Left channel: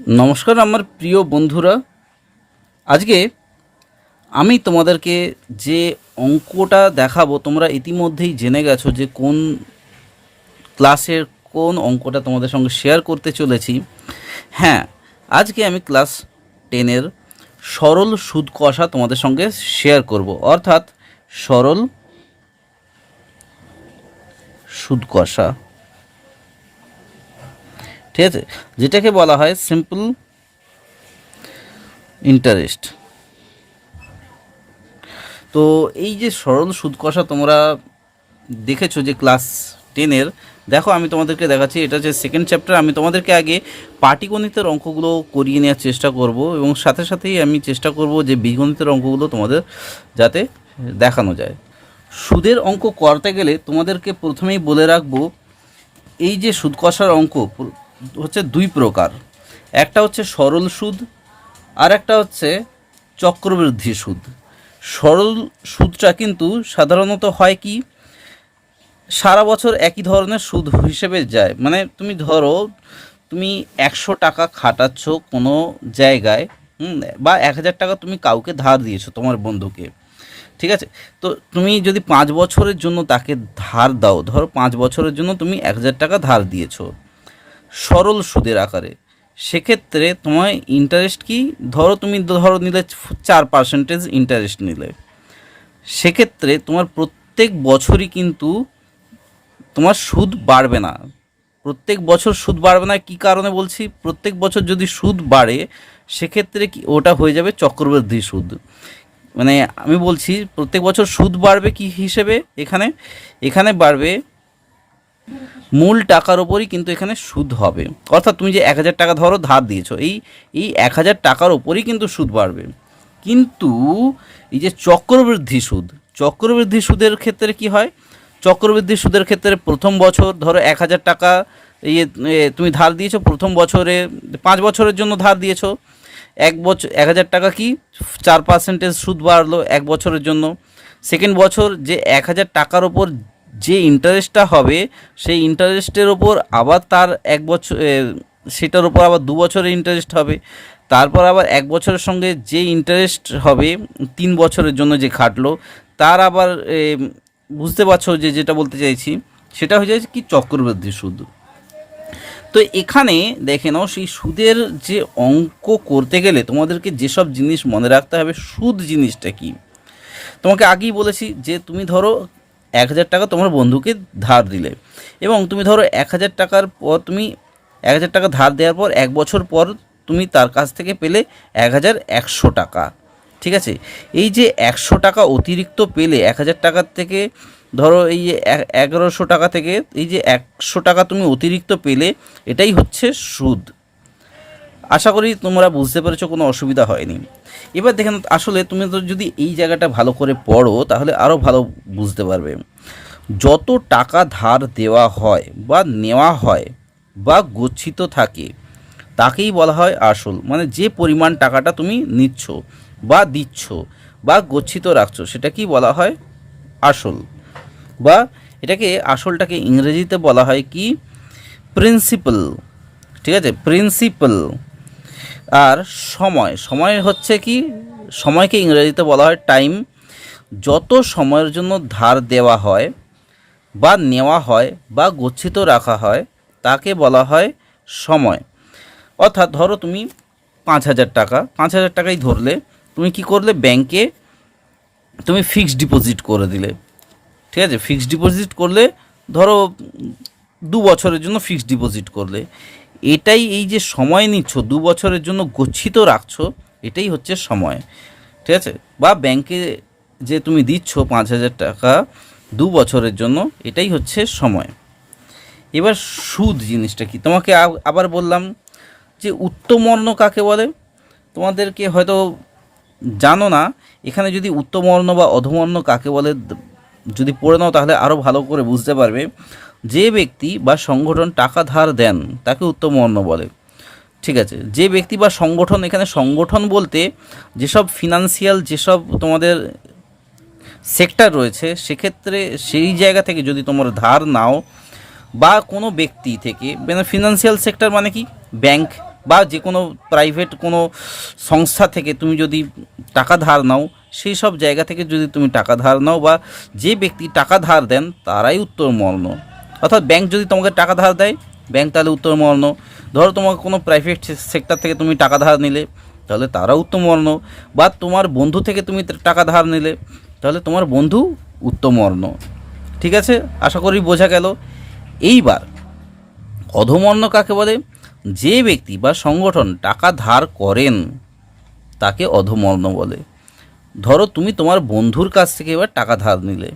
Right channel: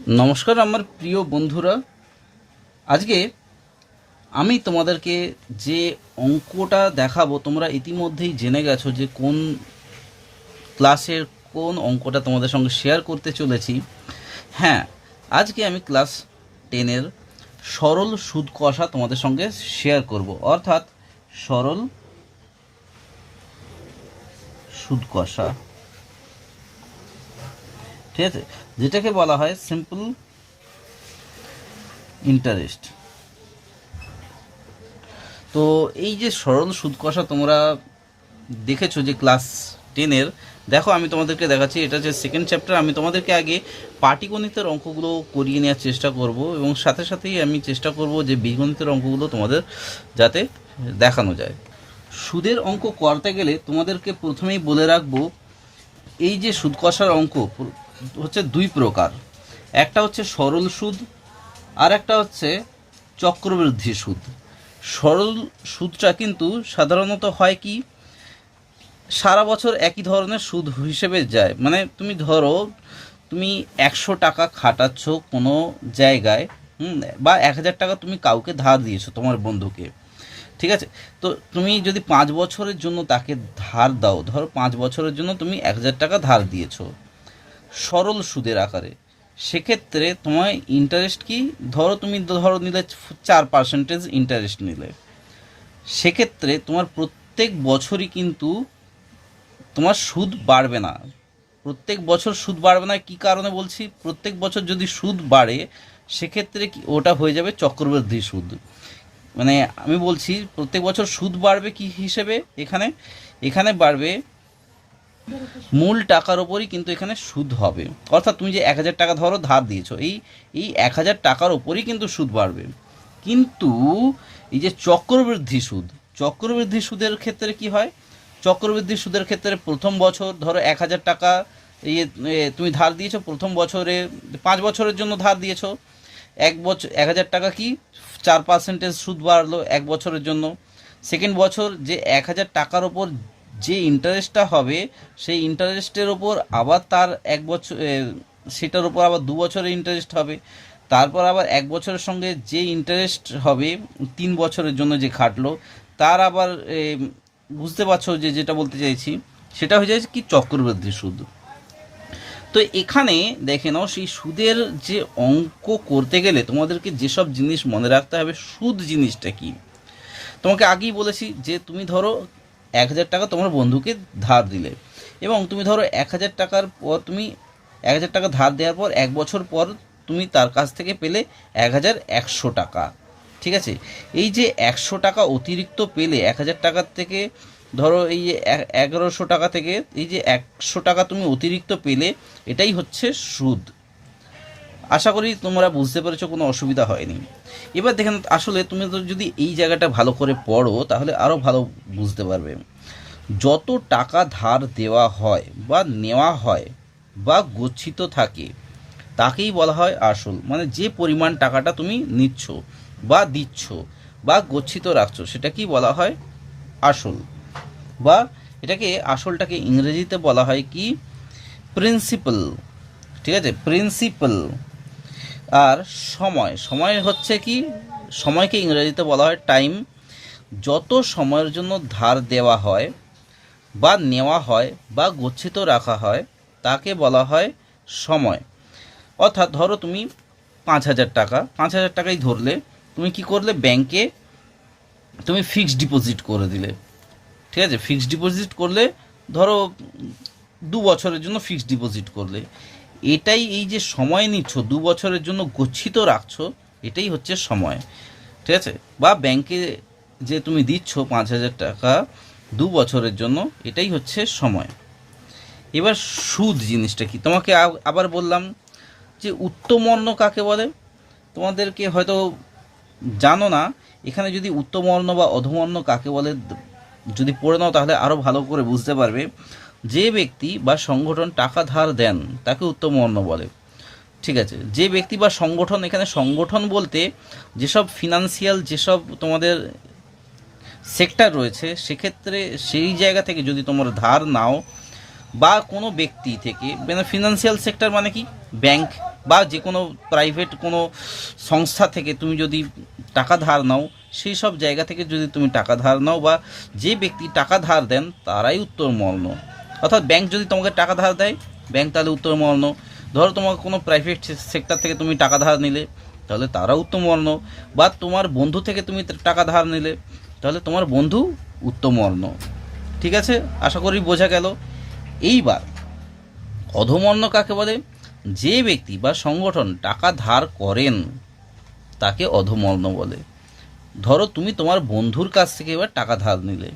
নমস্কার আমার প্রিয় বন্ধুরা। আজকে আমি তোমাদেরকে যে অঙ্কটা দেখাবো তোমরা ইতিমধ্যেই জেনে গেছো যে কোন ক্লাসের কোন অঙ্কটা তোমাদের সঙ্গে শেয়ার করতে চলেছি। হ্যাঁ, আজকে আমি ক্লাস 10-এর সরল সুদ কষা তোমাদের সঙ্গে শেয়ার করব, অর্থাৎ সরল সুদ কষা, ঠিক আছে, যেটাকে বলা হয় সিম্পল ইন্টারেস্ট। তো এই যে সরল সুদ কষা তোমরা দেখেছো যে ক্লাস 10-এর, দেখো আমি তোমাদেরকে দেখাচ্ছি, এটা হচ্ছে সেকেন্ড চ্যাপ্টার। আমি তোমাদেরকে আগে পাটিগণিতের অঙ্কগুলো করিয়ে নেওয়ার চেষ্টা করব এবং সাথে সাথেই আমি চেষ্টা করব যে বীজগণিতের অঙ্কগুলো তোমাদের যাতে দেখানো যায়। সুদের অঙ্ক করতে গেলে তোমাদেরকে প্রথমেই বলে রাখবো, এই যে সুদ কষার অঙ্ক হচ্ছে দুই প্রকার। একটা হচ্ছে সরল সুদ, আর একটা হচ্ছে চক্রবৃদ্ধি সুদ। সরল সুদটা কিন্তু সাধারণত হয় কি, সারা বছর একই ধরনের সুদ হিসেবে যায়। মানে তুমি ধরো তুমি 100 টাকা খাটাচ্ছ কোনো জায়গায়, বা 1000 টাকা তুমি কাউকে ধার দিয়েছো তোমার বন্ধুকে, ঠিক আছে। তো তুমি যদি 5 বছরের জন্য তাকে ধার দাও, ধরো 5 বছরের জন্য তুমি 1000 টাকা ধার দিয়েছো সরল সুদের আকারে, সেক্ষেত্রে তোমার ইন্টারেস্ট কি, ধরো নিলে 4% ইন্টারেস্ট নিলে, সেক্ষেত্রে তোমার প্রত্যেক বছরই কিন্তু তোমার সুদ বাড়বে না। প্রত্যেক বছর সুদ বাড়বে না, কী কারণে বলছি, প্রত্যেক বছর যদি সুদ বাড়ে সেক্ষেত্রে কি ওটা হয়ে যাবে চক্রবৃদ্ধি সুদ। মানে আমি বলছি প্রত্যেক বছর সুদ বাড়বে কি হিসেবে, এখানে এখানে বাড়বে মূল টাকার ওপরই কিন্তু এখানে সুদ হবে। অর্থাৎ তুমি যে 1000 টাকা ধরো ধার দিয়েছো, এই 1000 টাকার ওপরই কিন্তু সুদ বাড়বে। কিন্তু এই যে চক্রবৃদ্ধি সুদের ক্ষেত্রে কি হয়, চক্রবৃদ্ধি সুদের ক্ষেত্রে প্রথম বছর ধরো 1000 টাকা তুমি ধার দিয়েছো, প্রথম বছরে 5 বছরের জন্য ধার দিয়েছো, 1000 টাকা কি 4% সুদ বাড়লো 1 বছরের জন্য। সেকেন্ড বছর যে 1000 টাকার ওপর যে ইন্টারেস্টটা হবে, সেই ইন্টারেস্টের ওপর আবার তার 1 বছর, সেটার ওপর আবার 2 বছরের ইন্টারেস্ট হবে। তারপর আবার 1 বছরের সঙ্গে যে ইন্টারেস্ট হবে 3 বছরের জন্য যে খাটলো, তার আবার বুঝতে পারছো যে যেটা বলতে চাইছি, সেটা হয়ে যায় কি চক্রবৃদ্ধি সুদ। তো এখানে দেখে নাও, সেই সুদের যে অঙ্ক করতে গেলে তোমাদেরকে যেসব জিনিস মনে রাখতে হবে, সুদ জিনিসটা কি। তোমাকে আগেই বলেছি যে তুমি ধরো 1000 টাকা তোমার বন্ধুকে ধার দিলে, এবং তুমি ধরো 1000 টাকার পর তুমি 1000 টাকা ধার দেওয়ার পর 1 বছর পর তুমি তার কাছ থেকে পেলে 1100 টাকা, ঠিক আছে। এই যে 100 টাকা অতিরিক্ত পেলে 1000 টাকার থেকে, ধরো এই যে 1100 টাকা থেকে এই যে 100 টাকা তুমি অতিরিক্ত পেলে, এটাই হচ্ছে সুদ। আশা করি তোমরা বুঝতে পেরেছো, কোনো অসুবিধা হয়নি। এবার দেখেন, আসলে তুমি তো যদি এই জায়গাটা ভালো করে পড়ো তাহলে আরও ভালো বুঝতে পারবে। যত টাকা ধার দেওয়া হয় বা নেওয়া হয় বা গচ্ছিত থাকে তাকেই বলা হয় আসল। মানে যে পরিমাণ টাকাটা তুমি নিচ্ছ বা দিচ্ছ বা গচ্ছিত রাখছো সেটাকেই বলা হয় আসল। বা আসলটাকে ইংরেজিতে বলা হয় কি, প্রিন্সিপাল, ঠিক আছে, প্রিন্সিপাল। আর সময় হচ্ছে কি, সময়কে ইংরেজিতে বলা হয় টাইম। যত সময়ের জন্য ধার দেওয়া হয় বা নেওয়া হয় বা গচ্ছিত রাখা হয় তাকে বলা হয় সময়। অর্থাৎ ধরো তুমি 5000 টাকাই ধরলে, তুমি কি করলে, ব্যাংকে তুমি ফিক্সড ডিপোজিট করে দিলে, ঠিক আছে। ফিক্সড ডিপোজিট করলে, ধরো 2 বছরের জন্য ফিক্সড ডিপোজিট করলে, এটাই এই যে সময় নিচ্ছ 2 বছরের জন্য গচ্ছিত রাখছো, এটাই হচ্ছে সময়, ঠিক আছে। বা ব্যাংকে যে তুমি দিচ্ছ 5000 টাকা 2 বছরের জন্য, এটাই হচ্ছে সময়। এবার সুদ জিনিসটা কি, তোমাকে আবার বললাম যে উত্তমবর্ণ কাকে বলে, তোমাদেরকে হয়তো জানো না। এখানে যদি উত্তমবর্ণ বা অধমবর্ণ কাকে বলে যদি পড়ে নাও তাহলে আরও ভালো করে বুঝতে পারবে। যে ব্যক্তি বা সংগঠন টাকা ধার দেন তাকে উত্তমবর্ণ বলে, ঠিক আছে। যে ব্যক্তি বা সংগঠন, এখানে সংগঠন বলতে যেসব ফিনান্সিয়াল যেসব তোমাদের সেক্টর রয়েছে, সেক্ষেত্রে সেই জায়গা থেকে যদি তোমরা ধার নাও, বা কোনো ব্যক্তি থেকে, মানে ফিনান্সিয়াল সেক্টর মানে কি, ব্যাংক, বা যে কোনো প্রাইভেট কোনো সংস্থা থেকে তুমি যদি টাকা ধার নাও, সেই সব জায়গা থেকে যদি তুমি টাকা ধার নাও বা যে ব্যক্তি টাকা ধার দেন তারাই উত্তমমর্ণ। অর্থাৎ ব্যাংক যদি তোমাকে টাকা ধার দেয়, ব্যাংক তাহলে উত্তমমর্ণ। ধরো তোমাকে কোনো প্রাইভেট সেক্টর থেকে তুমি টাকা ধার নিলে, তাহলে তারা উত্তমমর্ণ। বা তোমার বন্ধু থেকে তুমি টাকা ধার নিলে, তাহলে তোমার বন্ধু উত্তমমর্ণ। ঠিক আছে, আশা করি বোঝা গেল। এইবার অধমর্ণ কাকে বলে? যে ব্যক্তি বা সংগঠন টাকা ধার করেন তাকে অধমর্ণ বলে। ধরো তুমি তোমার বন্ধুর কাছ থেকে এবার টাকা ধার নিলে,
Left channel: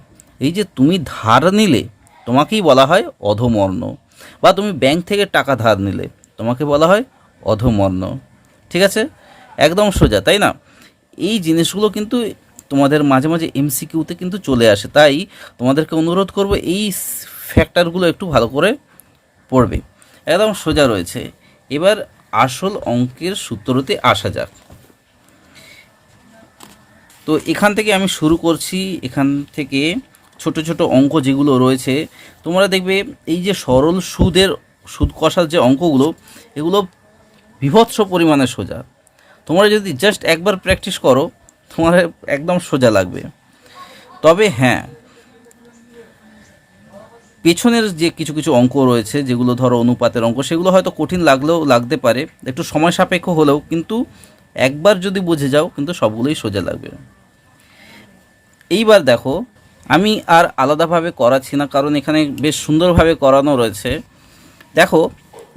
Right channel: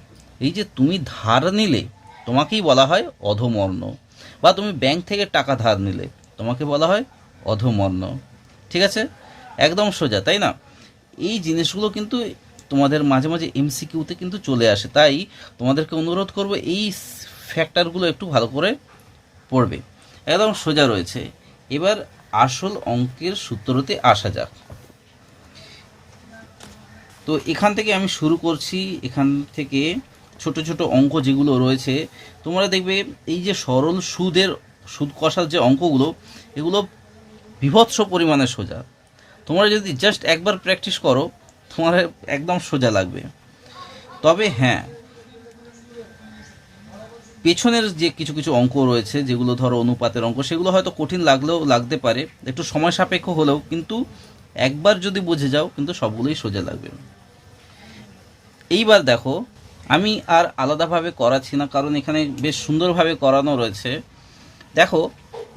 এই যে তুমি ধার নিলে তোমাকেই বলা হয় অধমর্ণ। বা তুমি ব্যাংক থেকে টাকা ধার নিলে তোমাকে বলা হয় অধমর্ণ। ঠিক আছে, একদম সোজা, তাই না? এই জিনিসগুলো কিন্তু তোমাদের মাঝে মাঝে এমসিকিউতে কিন্তু চলে আসে, তাই তোমাদেরকে অনুরোধ করব এই ফ্যাক্টরগুলো একটু ভালো করে পড়বে। একদম সোজা রয়েছে। এবার আসল অঙ্কের সূত্রতে আসা যাক। তো এখান থেকে আমি শুরু করছি। এখান থেকে ছোট ছোট অঙ্ক যেগুলো রয়েছে তোমরা দেখবে, এই যে সরল সুদ কষার যে অঙ্কগুলো, এগুলো বিভৎস পরিমাণে সোজা। তোমরা যদি জাস্ট একবার প্র্যাকটিস করো, তোমার একদম সোজা লাগবে। তবে হ্যাঁ, পেছনের যে কিছু কিছু অঙ্ক রয়েছে যেগুলো ধরো অনুপাতের অঙ্ক, সেগুলো হয়তো কঠিন লাগতে পারে, একটু সময় সাপেক্ষ হলেও কিন্তু একবার যদি বুঝে যাও কিন্তু সবগুলোই সোজা লাগবে। এইবার দেখো, আমি আর আলাদাভাবে করাচ্ছি না, কারণ এখানে বেশ সুন্দরভাবে করানো রয়েছে। দেখো,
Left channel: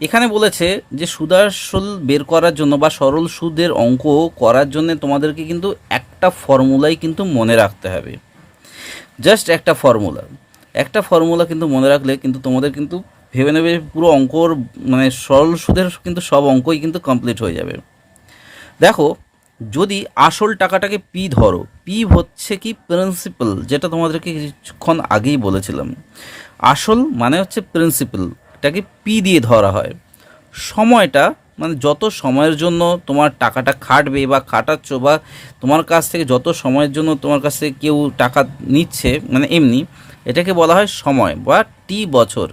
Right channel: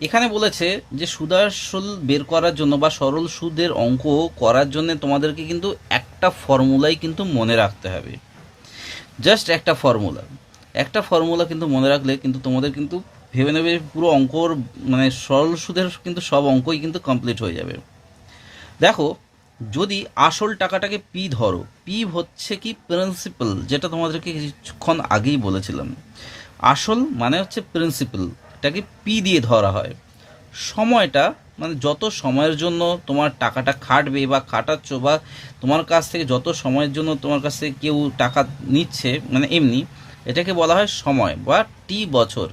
এখানে বলেছে যে সুদাসল বের করার জন্য বা সরল সুদের অঙ্ক করার জন্য তোমাদেরকে কিন্তু একটা ফর্মুলাই কিন্তু মনে রাখতে হবে। জাস্ট একটা ফর্মুলা কিন্তু মনে রাখলে কিন্তু তোমাদের কিন্তু ভেবে নেবে পুরো অঙ্কর মানে সরল সুদের কিন্তু সব অঙ্কই কিন্তু কমপ্লিট হয়ে যাবে। দেখো, যদি আসল টাকাটাকে পি ধরো, পি হচ্ছে কি প্রিন্সিপাল, যেটা তোমাদেরকে কিছুক্ষণ আগেই বলেছিলাম। আসল মানে হচ্ছে প্রিন্সিপাল, এটাকে পি দিয়ে ধরা হয়। সময়টা মানে যত সময়ের জন্য তোমার টাকাটা খাটবে বা খাটাচ্ছ, বা তোমার কাছ থেকে যত সময়ের জন্য তোমার কাছ থেকে কেউ টাকা নিচ্ছে, মানে এমনি, এটাকে বলা হয় সময় বা টি বছর।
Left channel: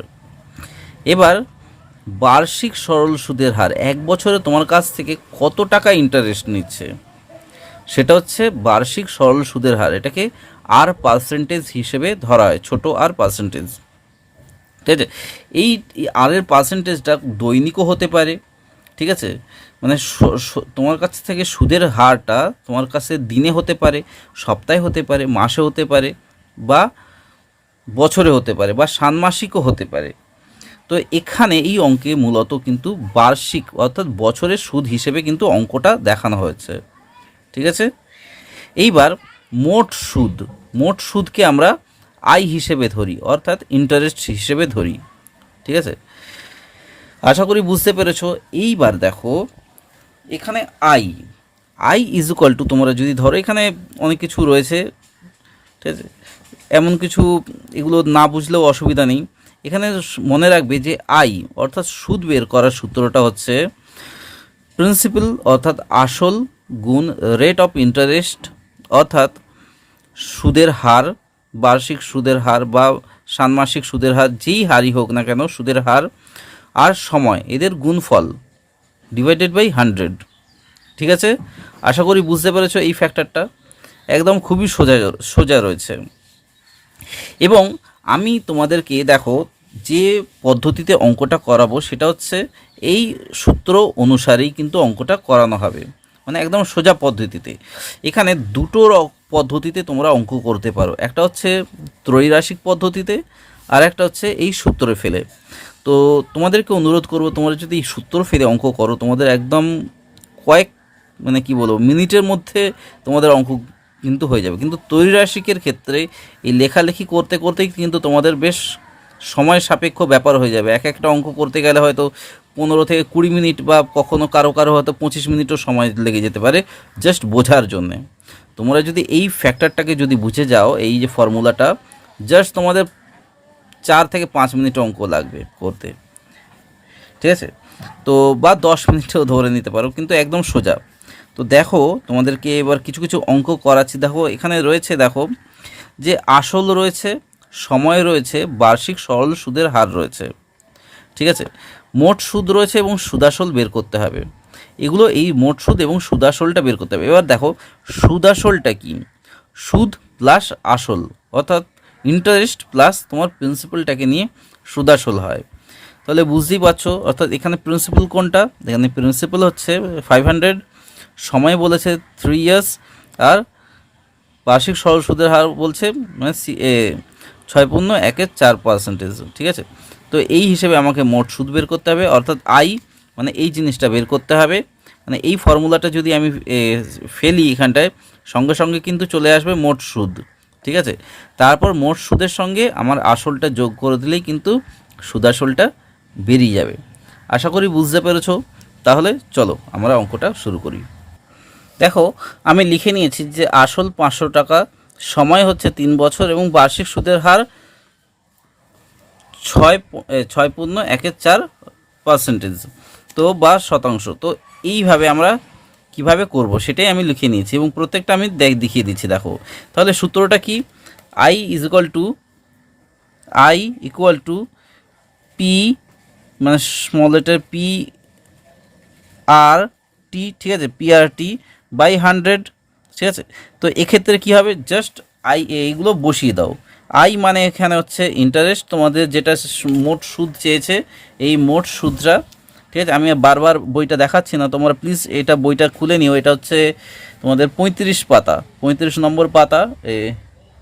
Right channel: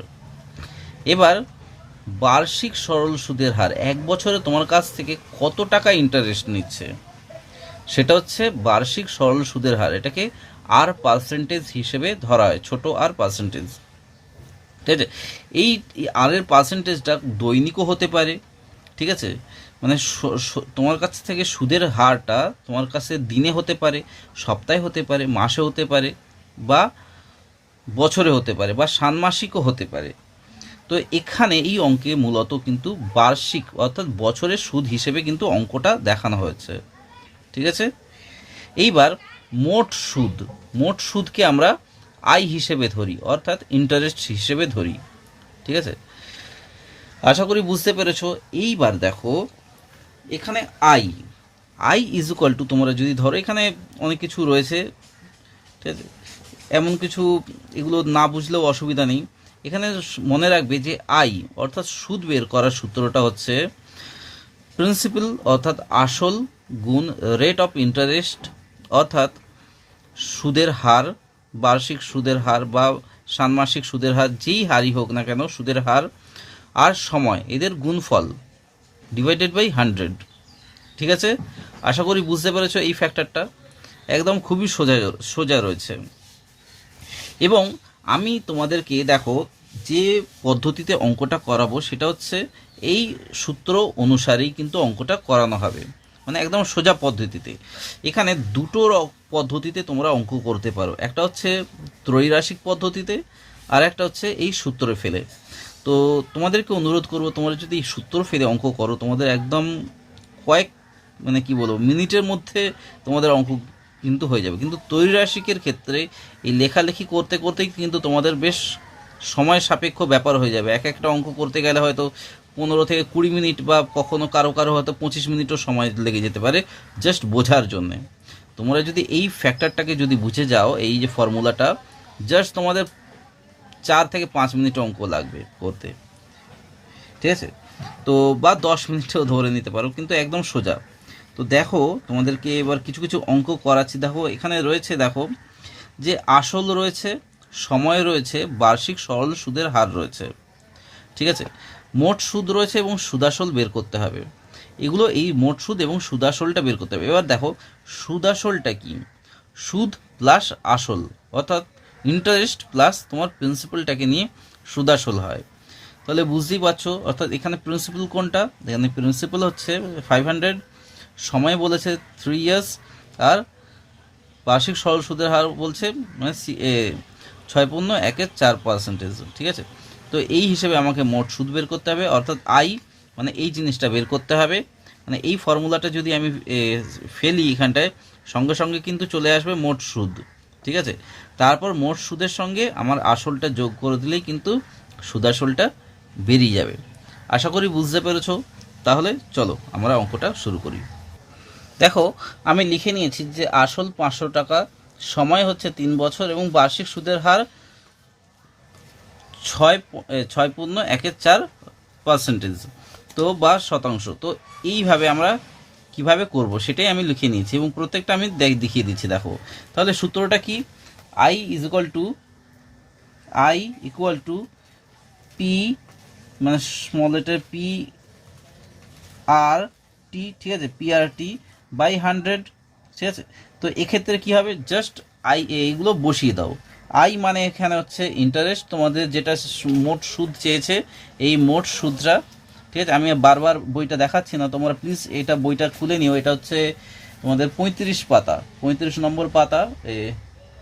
এবার বার্ষিক সরল সুদের হার, এক বছরে তোমার কাছ থেকে কত টাকা ইন্টারেস্ট নিচ্ছে, সেটা হচ্ছে বার্ষিক সরল সুদের হার। এটাকে আর পার্সেন্টেজ হিসেবে ধরা হয়, ছোট আর পার্সেন্টেজ। ঠিক আছে, এই আর এর পার্সেন্টেজটা দৈনিকও হতে পারে। ঠিক আছে, মানে তোমার কাছ থেকে সুদের হারটা তোমার কাছে দিনে হতে পারে, সপ্তাহে হতে পারে, মাসে হতে পারে, বা বছরে হতে পারে, বা ষান্মাসিকও হতে পারে। তো এখানে এই অঙ্কে মূলত কিন্তু বার্ষিক অর্থাৎ বছরের সুদ হিসেবে কিন্তু অঙ্কটা দেখানো হয়েছে। ঠিক আছে, এইবার মোট সুদকে আমরা আই হিসেবে ধরি, অর্থাৎ ইন্টারেস্ট হিসেবে ধরি। ঠিক আছে, আশা করি বুঝতে পেরেছো। এইবার দেখো, এখানে আই ইজ ইকুয়াল টু, তোমরা যদি ধরো, এখানে অনেক কিছু রয়েছে, ঠিক আছে, এমন কিছু এগুলো না বুঝলেও অসুবিধা নেই। এখানে মনে রাখবে যে আই অর্থাৎ সুদ বের করার সূত্রটা হচ্ছে প্রিন্সিপাল অর্থাৎ আসল গুণ রেট অফ ইন্টারেস্ট অর্থাৎ সুদের হার, বার্ষিক সুদের হার বা ষান্মাসিক সুদের হার, যেই হারই হোক না কেন, সুদের হার আর সময়, এদের গুণফল ডিভাইডেড বাই 100। ঠিক আছে, আশা করি বুঝতে পেরেছো এই ফ্যাক্টরটা। একদম খুবই সোজা রয়েছে। এবং আমি তোমাদেরকে দেখো যে পদ্ধতিতে অঙ্কটা করাবো সেটা হচ্ছে এই সূত্র অনুসারেই কিন্তু অঙ্কটা করানো হবে, মানে একদম সোজা পদ্ধতিতে। এখানে দুটো পদ্ধতিতে তোমরা অঙ্ক করতে পারো, একটা হচ্ছে ত্রৈরাশিক পদ্ধতিতে, আর একটা হচ্ছে এই সূত্রে ফেলে। তো তোমাদেরকে অনুরোধ করবো, তোমরা যদি এই সূত্র ফেলে অঙ্ক করো, তোমাদের একদম কয়েক মানে কি বলবো মিনিটের মধ্যে তোমাদের অঙ্ক কিন্তু হয়ে যাবে। কিন্তু ত্রৈরাশিকের ক্ষেত্রে এই লেখালেখি করতে করতেই কিন্তু তোমাদের বেশ সময় সাপেক্ষ ব্যাপার হয়ে যাবে। এক একটা অঙ্ক করতে গেলে হয়তো 15 থেকে 20 মিনিট, বা কখনো কারো হয়তো 25 মিনিটও সময় লেগে যেতে পারে জাস্ট বোঝার জন্যে। তোমরা যদি এই ফ্যাক্টরটাকে যদি বুঝে যাও, এই যে ফর্মুলাটা, জাস্ট তোমাদের 4 থেকে 5 মিনিট অঙ্ক লাগবে করতে। ঠিক আছে, তো বা 10 মিনিটও ধরে নিতে পারো, কিন্তু একদম সোজা। তো দেখো, তোমাদেরকে এবার কিছু কিছু অঙ্ক করাচ্ছি। দেখো, এখানে রয়েছে, দেখো যে আসল রয়েছে, সময় রয়েছে, বার্ষিক সরল সুদের হার রয়েছে। ঠিক আছে, মোট সুদ রয়েছে এবং সুদাসল বের করতে হবে। এগুলো এই মোট সুদ এবং সুদাসলটা বের করতে হবে। এবার দেখো সুদাসলটা কি, সুদ প্লাস আসল, অর্থাৎ ইন্টারেস্ট প্লাস তোমার প্রিন্সিপালটাকে নিয়ে সুদাসল হয়। তাহলে বুঝতেই পারছো, অর্থাৎ এখানে প্রিন্সিপাল কোনটা, এখানে প্রিন্সিপাল হচ্ছে 500, সময় বলেছে 3 ইয়ার্স, আর বার্ষিক সরল সুদের হার বলছে মানে 6.14%, ঠিক আছে। তো এই হিসেবে আমাকে মোট সুদ বের করতে হবে, অর্থাৎ আই মানে এই জিনিসটা বের করতে হবে। মানে এই ফর্মুলাটা যদি আমি ফেলি এখানটায়, সঙ্গে সঙ্গে কিন্তু চলে আসবে মোট সুদ, ঠিক আছে। তারপর মোট সুদের সঙ্গে আমার আসলটা যোগ করে দিলেই কিন্তু সুদাসলটা বেরিয়ে যাবে। আশা করি বুঝতে পেরেছো। তাহলে চলো আমরা অঙ্কটা শুরু করি। দেখো আমি লিখে নিয়েছি যে আসল 500 টাকা, সময় হচ্ছে 3 বছর এবং বার্ষিক সুদের হার 6.14%, তো বা শতাংশ। তো এইভাবে আমরা কিভাবে করব সেটাই আমি লিখে নিয়েছি এবং প্রত্যেকটা আমি দেখিয়ে দিচ্ছি। দেখো তাহলে সূত্রটা কি, আই ইকুয়াল টু পি মানে স্মল লেটার পি আর টি, ঠিক আছে, PRT বাই 100, ঠিক আছে। তো এক্ষেত্রে কি হবে, জাস্ট আই এইগুলো বসিয়ে দাও। আই মানে এখানে হচ্ছে ইন্টারেস্ট, তোমাদের যেটা মোট সুদ চেয়েছে এই মোট সুদটা, ঠিক আছে। আমি বারবার বইটা দেখাচ্ছি না, তোমরা প্লিজ এটা বইটা খুলে নিও। এটা হচ্ছে তোমাদের 35 পাতা, 35 নম্বর পাতা,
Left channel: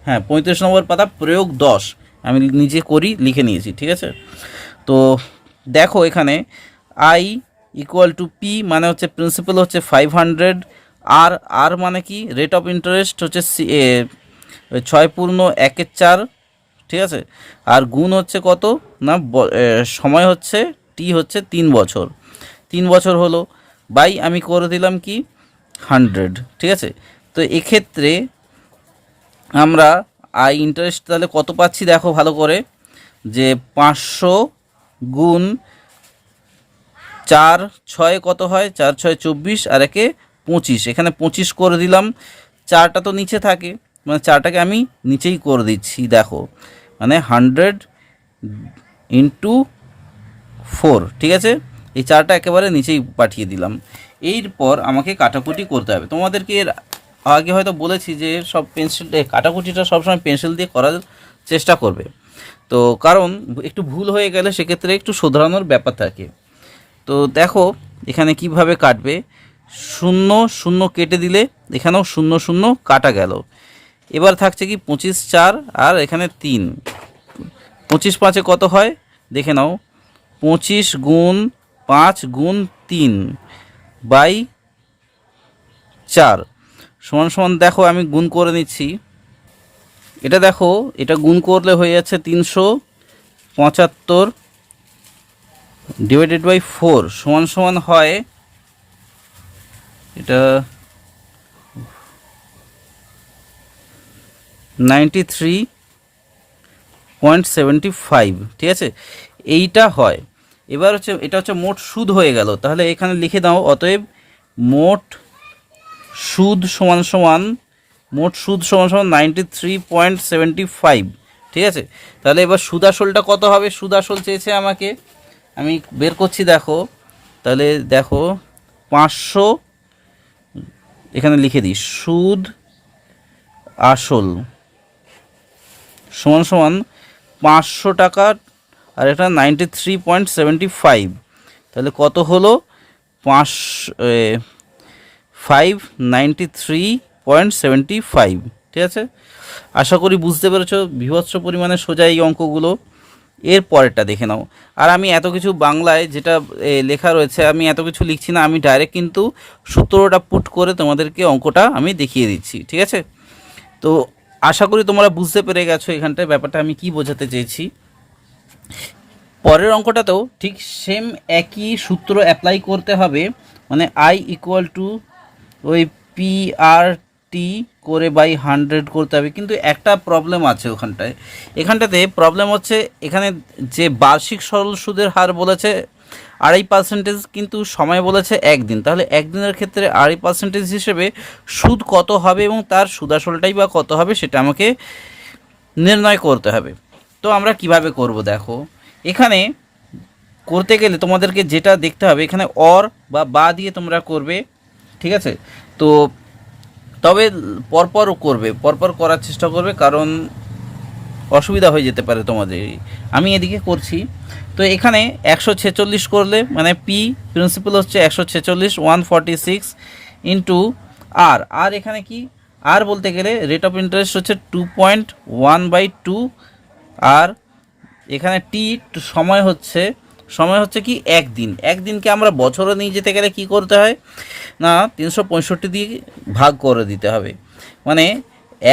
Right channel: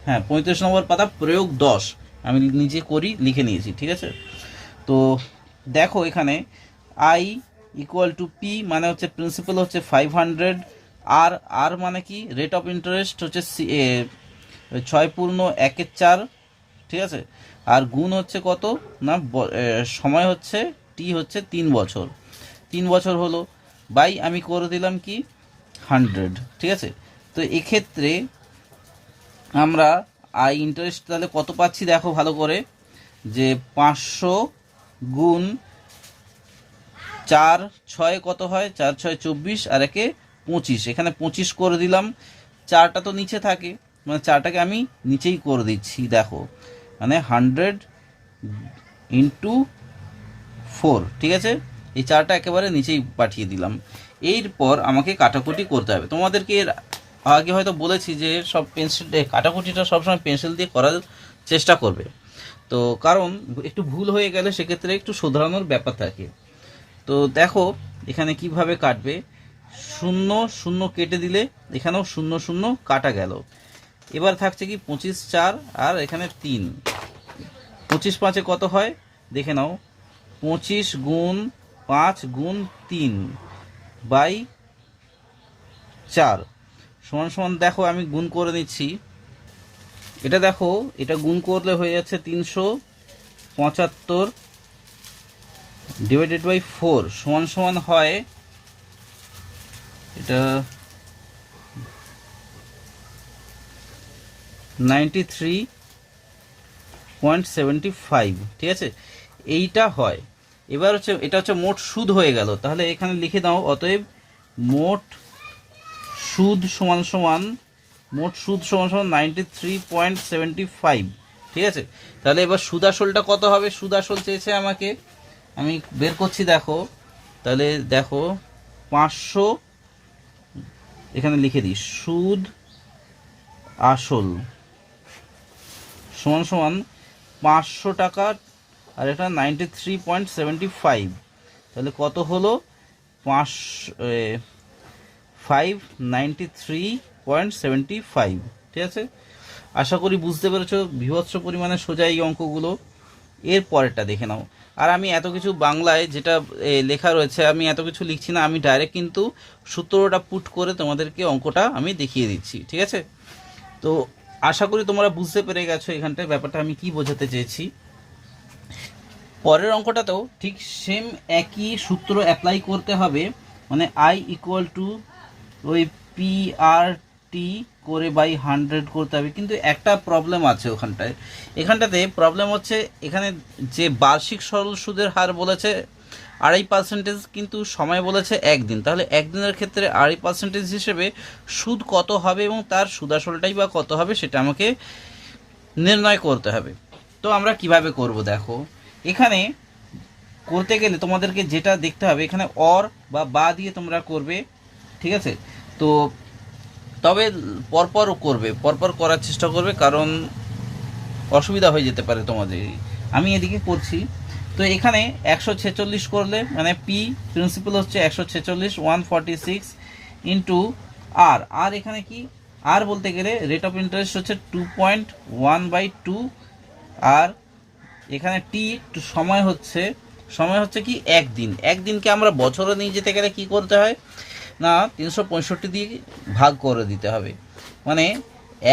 হ্যাঁ 35 নম্বর পাতা, প্রয়োগ 10 আমি নিজে করি লিখে নিয়েছি, ঠিক আছে। তো দেখো এখানে আই ইকুয়াল টু পি মানে হচ্ছে প্রিন্সিপাল হচ্ছে 500, আর মানে কি রেট অফ ইন্টারেস্ট হচ্ছে 6.14, ঠিক আছে। আর গুণ হচ্ছে কত না, সময় হচ্ছে টি হচ্ছে 3 বছর, 3 বছর হলো, বাই আমি করে দিলাম কি 100, ঠিক আছে। তো এক্ষেত্রে আমরা আই ইন্টারেস্ট তাহলে কত পাচ্ছি দেখো ভালো করে, যে 500 গুণ 4 6 কত হয়, 4 6 24 আর একে 25, এখানে 25 করে দিলাম। 4টা তো নিচে থাকে, মানে 4টাকে আমি নিচেই করে দিচ্ছি, দেখো মানে 100 ইন্টু 4, ঠিক আছে। এই 4টা একেবারে নিচেই পাঠিয়ে দিলাম। এরপর আমাকে কাটাকুটি করতে হবে। তোমাদেরকে এর আগে হয়তো বলেছি যে সব পেন্সিল কাটাকুটিটা সবসময় পেন্সিল দিয়ে করার চেষ্টা করবে, তো কারণ একটু ভুল হয়ে গেলে সেক্ষেত্রে একটু শোধরানোর ব্যাপার থাকে। তো দেখো এখানে কিভাবে কাটবে, 0 0 কেটে দিলে এখানেও 0 0 কাটা গেল। এবার থাকছে কি 25 4 আর এখানে 3, 25 5 কত হয় দেখে নাও, 25 গুণ 5 গুণ 3 বাই 4 সমান সমান, দেখো আমি গুণ করে নিচ্ছি। এটা দেখো এটা গুণ করলে হয়ে যাচ্ছে 375 ডিভাইডেড বাই 4 সমান সমান হয় এটা 93.75, ঠিক আছে, এইটা হয়। এবার হচ্ছে এটা হচ্ছে মোট সুদ হয়ে গেল। তাহলে এখানে লিখে দাও, অতএব মোট সুদ সমান সমান 93.75, ঠিক আছে। তাহলে এবার সুদ আসলটা কত হবে, সুদ আসল চেয়েছে আমাকে, আমি বের করছি। দেখো তাহলে দেখো 500, এখানে লিখে দিই সুদ আসল সমান সমান 500 টাকা আর এটা 93.75, তাহলে কত হলো 593.75, ঠিক আছে। আশা করি বুঝতে পেরেছো, বীভৎস পরিমাণে সোজা এই অঙ্কগুলো। এর পরেরটা দেখে নাও। আর আমি এত কিছু বাংলায় যেটা লেখা রয়েছে আমি এত কিছু লিখছি না, আমি ডাইরেক্ট কিন্তু সূত্রটা পুট করে তোমাদেরকে অঙ্কটা আমি দেখিয়ে দিচ্ছি, ঠিক আছে। তো আশা করি তোমরা বুঝতে পেরে গেছো এখানটায় ব্যাপারটা আমি কি বোঝাতে চেয়েছি। পরের অঙ্কটাতেও ঠিক সেম একই সূত্র অ্যাপ্লাই করতে হবে, মানে আই ইকুয়াল টু ওই PRT করে বাই 100 করতে হবে। কিন্তু একটা প্রবলেম আছে এখানটাতে প্রবলেম হচ্ছে, এখানে যে বার্ষিক সরল সুদের হার বলেছে 2.5%, কিন্তু সময় বলেছে 1 দিন। তাহলে 1 দিনের ক্ষেত্রে 2.5% হিসেবে সুদ কত হবে এবং তার সুদাসলটাই বা কত হবে সেটা আমাকে নির্ণয় করতে হবে। তো আমরা কিভাবে করব, দেখো এখানে করতে গেলে তোমাদেরকে যেটা দেখতে হবে, এখানে অর বা দিয়ে তোমরা করবে, ঠিক আছে। তো তবে পরপরও করবে, পরপর করার চেষ্টা করবে, কারণ অসুবিধা হয়ে যেতে পারে তোমাদের। আমি এদিকে করছি। তো এখানে 146 করলে মানে পি প্রিন্সিপাল হচ্ছে 146, 146 ইন্টু আর এখানে কি আর বলতে গেলে রেট অফ ইন্টারেস্ট হচ্ছে 2.1/2, আর এখানে টি সময় হচ্ছে কি একদিন। একদিনকে আমরা বছরে নিয়ে যেতে গেলে কি করতে হয় না 365 দিয়ে ভাগ করে দিতে হবে, মানে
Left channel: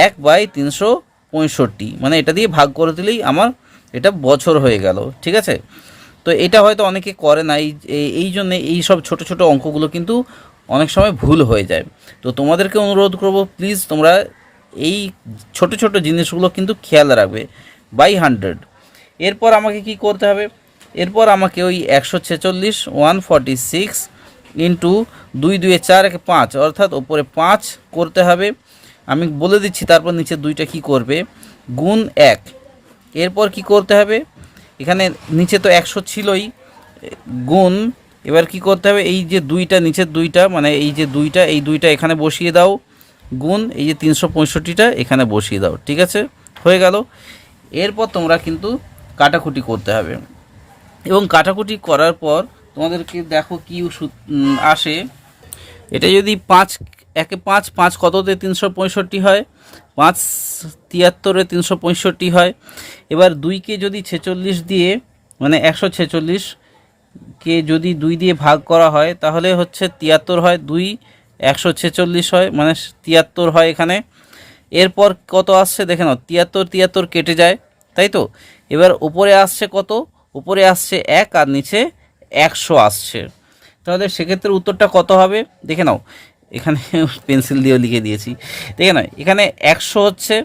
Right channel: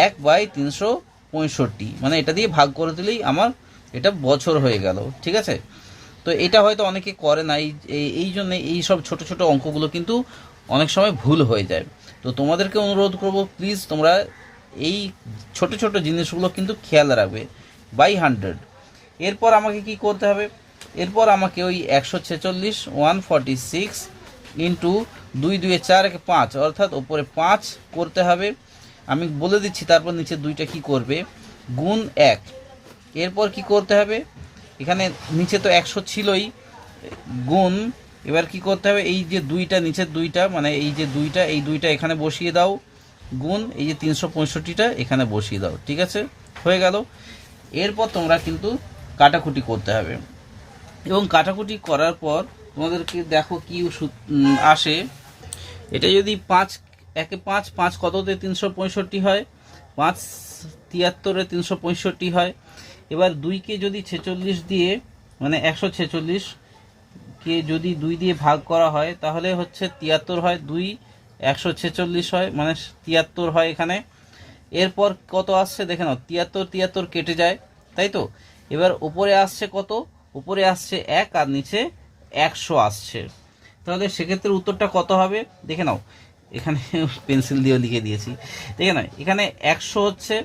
1/365, মানে এটা দিয়ে ভাগ করে দিলেই আমার এটা বছর হয়ে গেল, ঠিক আছে। তো এটা হয়তো অনেকে করে না, এই জন্যে এই সব ছোট ছোট অঙ্কগুলো কিন্তু অনেক সময় ভুল হয়ে যায়। তো তোমাদেরকে অনুরোধ করব, প্লিজ তোমরা এই ছোট ছোট জিনিসগুলো কিন্তু খেয়াল রাখবে। বাই 100 এরপর আমাকে কি করতে হবে, এরপর আমাকে ওই 146 146 ইন্টু 2 2 4 1 5, অর্থাৎ ওপরে 5 করতে হবে। আমি বলে দিচ্ছি, তারপর নিচে দুইটা কি করবে গুণ 1। এরপর কি করতে হবে, এখানে নিচে তো 100 ছিলই, গুণ এবার কি করতে হবে, এই যে দুইটা নিচের দুইটা মানে এই যে দুইটা, এই দুইটা এখানে বসিয়ে দাও, গুণ এই যে 365টা এখানে বসিয়ে দাও, ঠিক আছে, হয়ে গেল। এরপর তোমরা কিন্তু কাটাকুটি করতে হবে, এবং কাটাকুটি করার পর তোমাদেরকে দেখো কি আসে। এটা যদি 5 একে 5 5 কততে 365 হয়, 5 73-এ 365 হয়। এবার 2কে যদি 46 দিয়ে মানে 146কে যদি 2 দিয়ে ভাগ করা হয় তাহলে হচ্ছে 73 হয়, 2 146 হয়, মানে 73 হয় এখানে। এরপর কত আসছে দেখে নাও, 73 73 কেটে যায়, তাই তো। এবার উপরে আসছে কত, উপরে আসছে 1 আর নিচে 100 আসছে। তাহলে সেক্ষেত্রে উত্তরটা কত হবে দেখে নাও, এখানে পেন্সিল দিয়েও লিখে দিয়েছি, দেখে নাও এখানে 100 হচ্ছে।